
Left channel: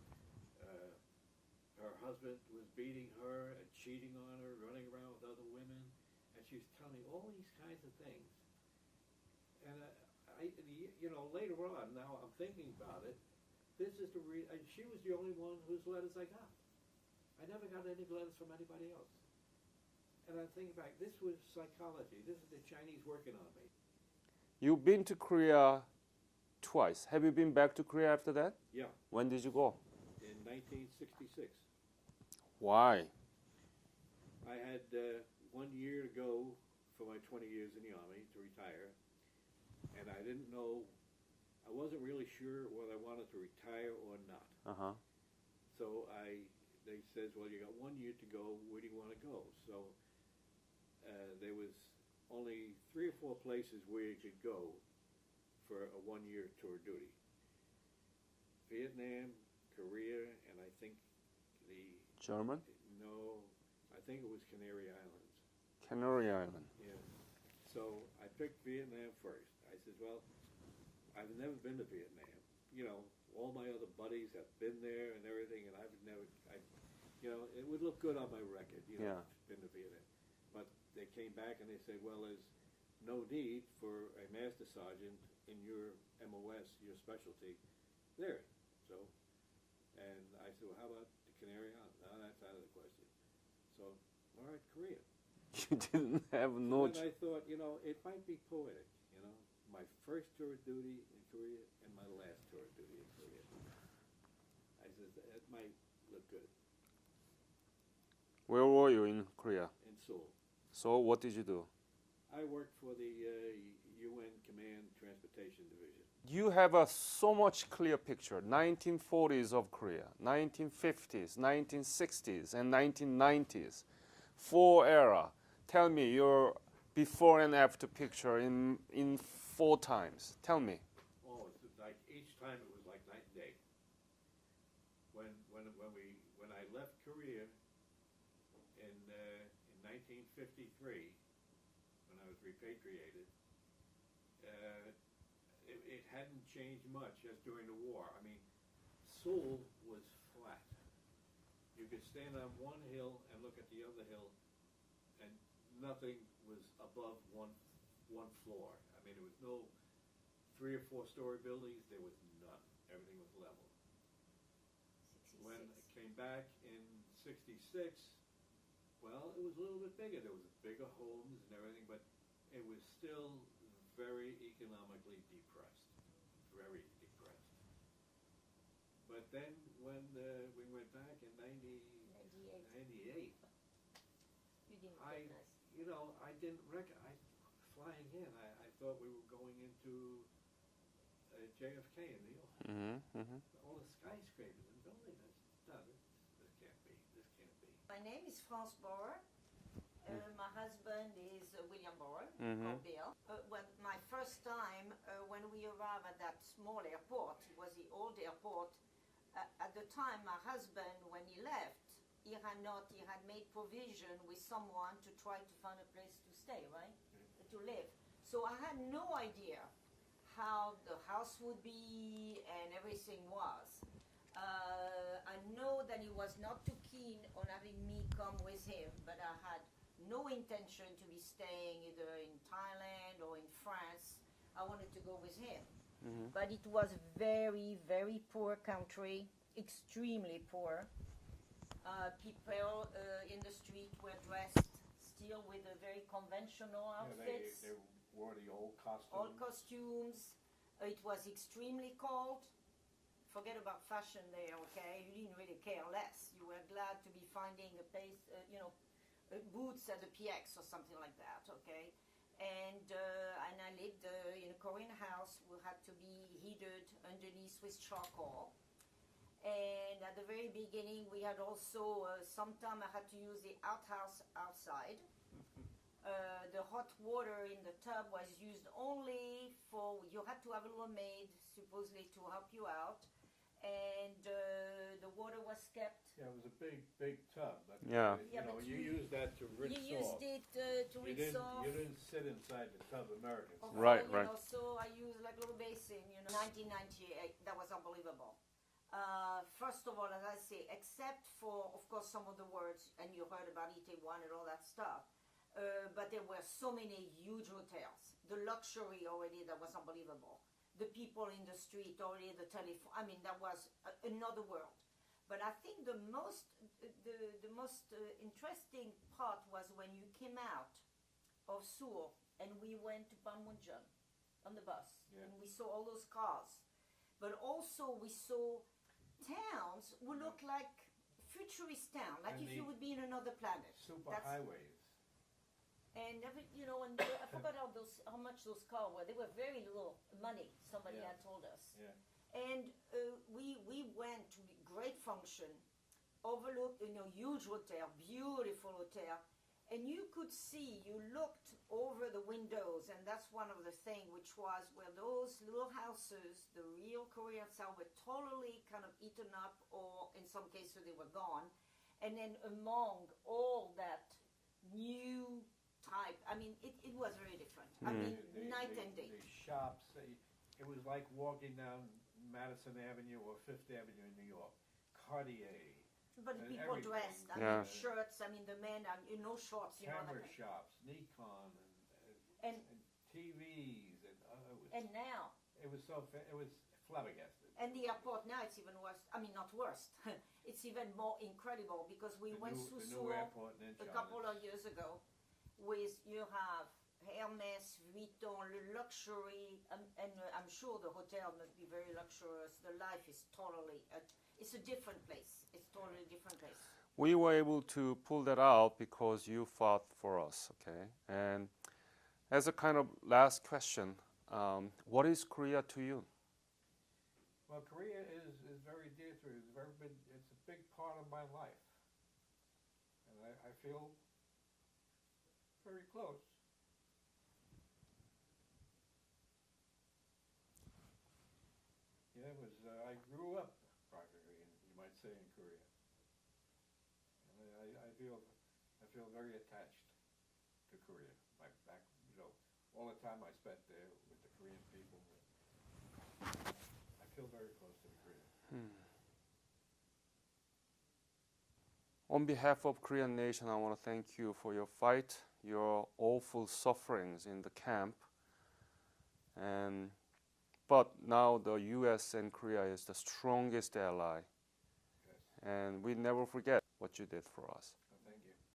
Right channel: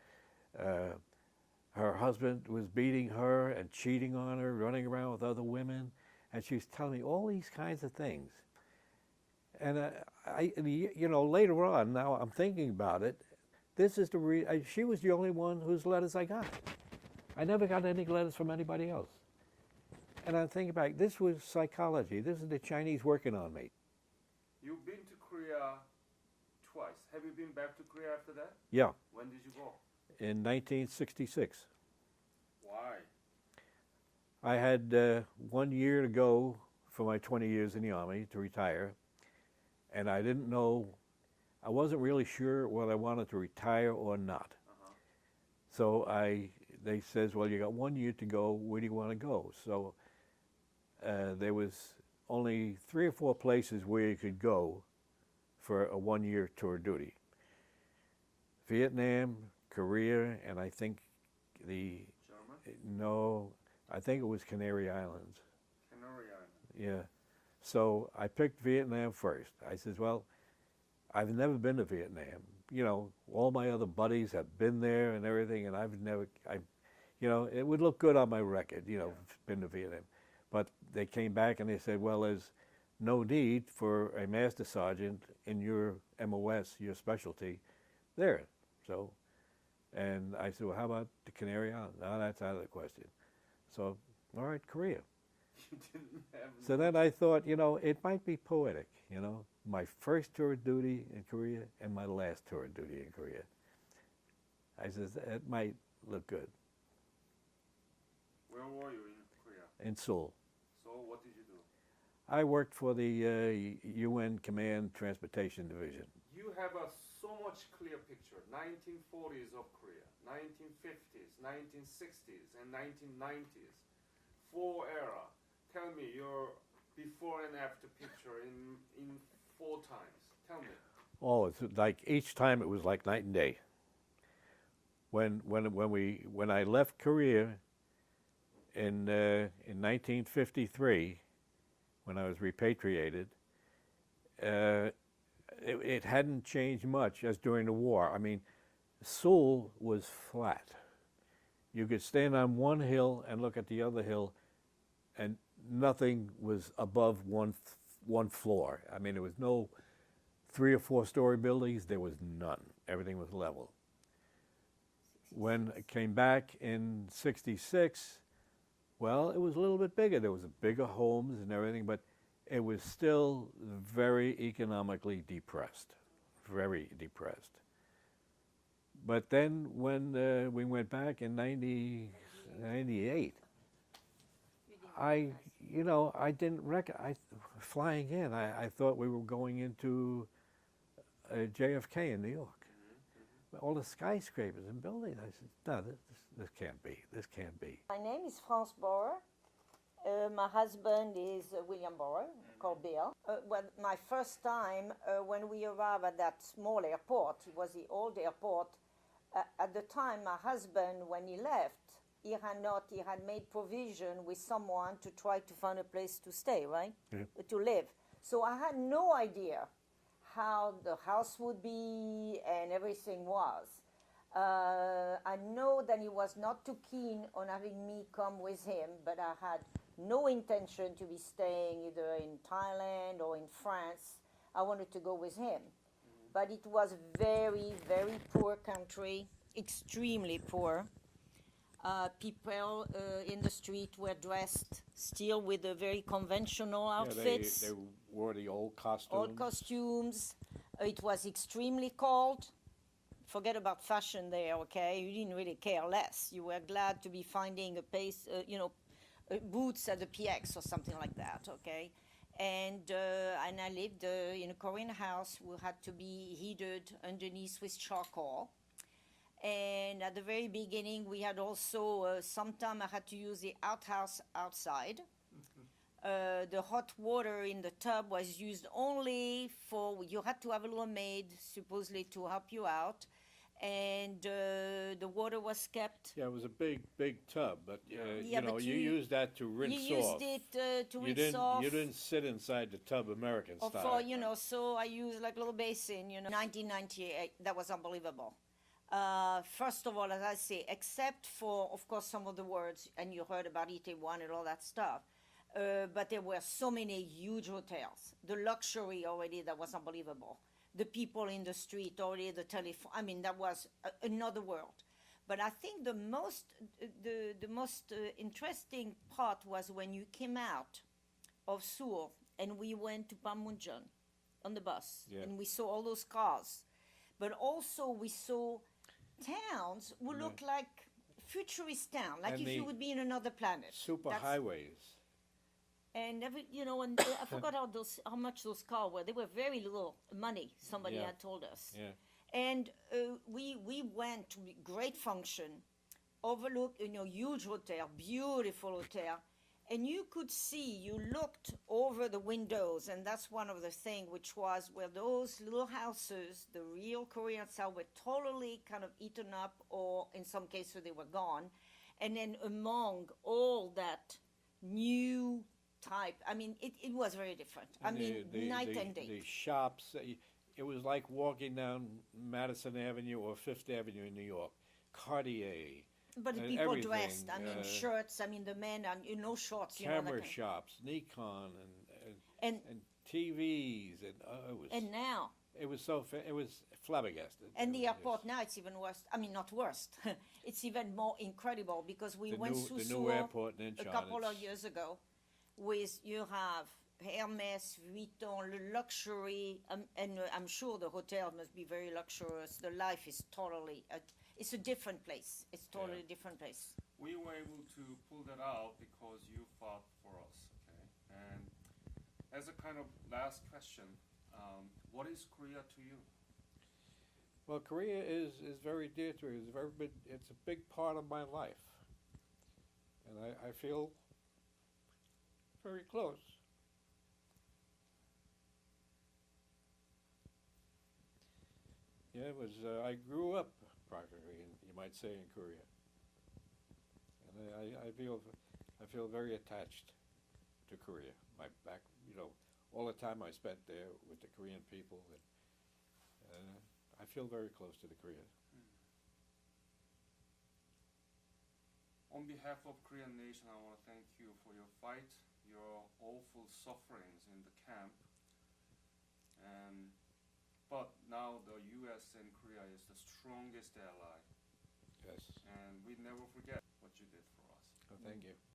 Her husband was beating her and cheating on her, running around with other women, and she was telling me all these kinds of things. And later on, now I'm thinking about it, this is she was the only one whose letters I got. I never got any letters from anybody else. And I'm thinking back, this was psychology. This is the Chinese working on me. You've been to Korea twice. Have you been back to Korea after that? Yeah, When did you go? in 1966. Why? I had 1 year to go for my 20 years in the Army to retire, and I didn't know, I wasn't really sure whether I wanted to retire or not. Uh-huh. So they says, well, you got 1 year to go, where do you want to go? So there was only 3 or 4 places where you could go for a 1 year tour duty. Vietnam, Korea, and I think German? I think it was Canary Islands. Canary Island. Yeah. So I picked Vietnam first. I says, well, I've never been to Vietnam. All my other buddies have been there and everything, and it would look good on my record, been to Vietnam. But they came back and they said, well, there's no need for a master sergeant in your MOS, your specialty, there. So, and I said, well, how about the Canary Islands? No, that's out of the question. So, all right, Korea. You didn't have So no then I thought, it might be poetic, my first tour of duty in Korea and my last tour of duty in Korea. I said, it might look good. Where were you in Korea? In Seoul. So what did you do? I worked for the UN Command Transportation Division. You have so much clear picture. 1940s of Korea, 1950s, 1960s, and 1990s. 4 era. Tell me your before and after picture in 4 times. Tell me. Oh, it's like each time it was like night and day. When I left Korea in 1953, when I was repatriated, it hadn't changed much as during the war. I mean, Seoul was flat. You could stand on one hill and look at the other hill, and nothing was above one floor. I mean, there was no 3 or 4 story buildings. There was none. Everything was level. When I came back in '66, well, it was a little bit bigger. There was bigger homes and everything, but it was still very economically depressed, very depressed. But then when we went back in '98, I didn't flying in, I thought we were going into JFK in New York. All the skyscrapers and buildings. I said, no, this can't be. This can't be. My name is France Borer. My husband is William Borer, called Bill. Well, my first time when we arrived at that small airport, it was the old airport. At the time, my husband, when he left, he had made provision with someone to try to find a place to stay, right? Yeah. To live. So I had no idea how the house would be and everything was. I know that he was not too keen on having me come with him, but I had no intention to be staying either in Thailand or in France. I wanted to go with him. But it was very, very poor country, extremely poor. People in the street were dressed still with the very conventional outfits. They wore the old costumes. Old costumes. It was extremely cold. Forget about fashion there, okay? You didn't really care less. You were glad to be finding a place, boots at the PX or something like that, okay? And I lived in a Korean house who had to be heated underneath with charcoal. And at the very beginning, we had also, sometime I had to use the outhouse outside. The hot water in the tub was used only for, you had to have a little maid supposedly to help you out. And the water was kept. Yeah, it was a big tub, but Yeah. you used that to rinse You used off. it to rinse off. You didn't sit inside the tub American Of style. Right, you know, right. so I used like a little basin, 1998, that was unbelievable. First of all, as I say, except for, of course, some of the words, and you heard about Itaewon and all that stuff, but there were so many huge hotels. The luxury already, that was unbelievable. The people in the street, already the telephone, I mean, that was another world. But I think the most interesting part was when you came out of Seoul and we went to Panmunjom on the bus, Yeah. and we saw all those cars. But also we saw towns who looked like futurist town, like And if you the would be in another planet. Super That's- highways. And and I forgot how much those cars were. They were very little money. Somebody Yeah. had told us. Yeah. And we went to a great function, overlooked, huge hotel, beautiful hotel, and you could see. You looked over the windows, and that's one of the things, which was where those little houses, the real Korean style, were totally kind of eaten up, or in some cases they were gone. And then among all that new type, I mean, it was very different. I mean, night and day. The shops, it was like walking down Madison Avenue or Fifth Avenue in New York. Cartier, But the and people everything. dressed, I Yeah. mean, shirts, I mean, the men, and no shorts, that camera kind. shops, Nikon, And and TVs, and now, it was it was flabbergasted. and It the was airport now, it's even worse. I mean, not worse. It's even more incredible because we went the through new Seoul airport in a Incheon. couple of years ago. You have Hermes, Vuitton, luxury, and I'm sure the hotel must be very luxurious. The life is totally, it's a different place. It's totally a different place. We were able to pull that out because you fought for us, okay? And as a kind of last question, what is Korea to you? Well, Korea is very dear to me. It's a big part of my life, and I feel very close. was I grew up privately, you might say, in Korea, and I feel very attached to Korea. My back, all the time I spent there with the Korean people, and I feel very close to the Korean. On behalf of Korean nation, I want to thank you for your fight, your awful sufferings in the camp. But now the U.S. and Korea is the strongest ally, Yes. and we never forget what you did for us. Thank you.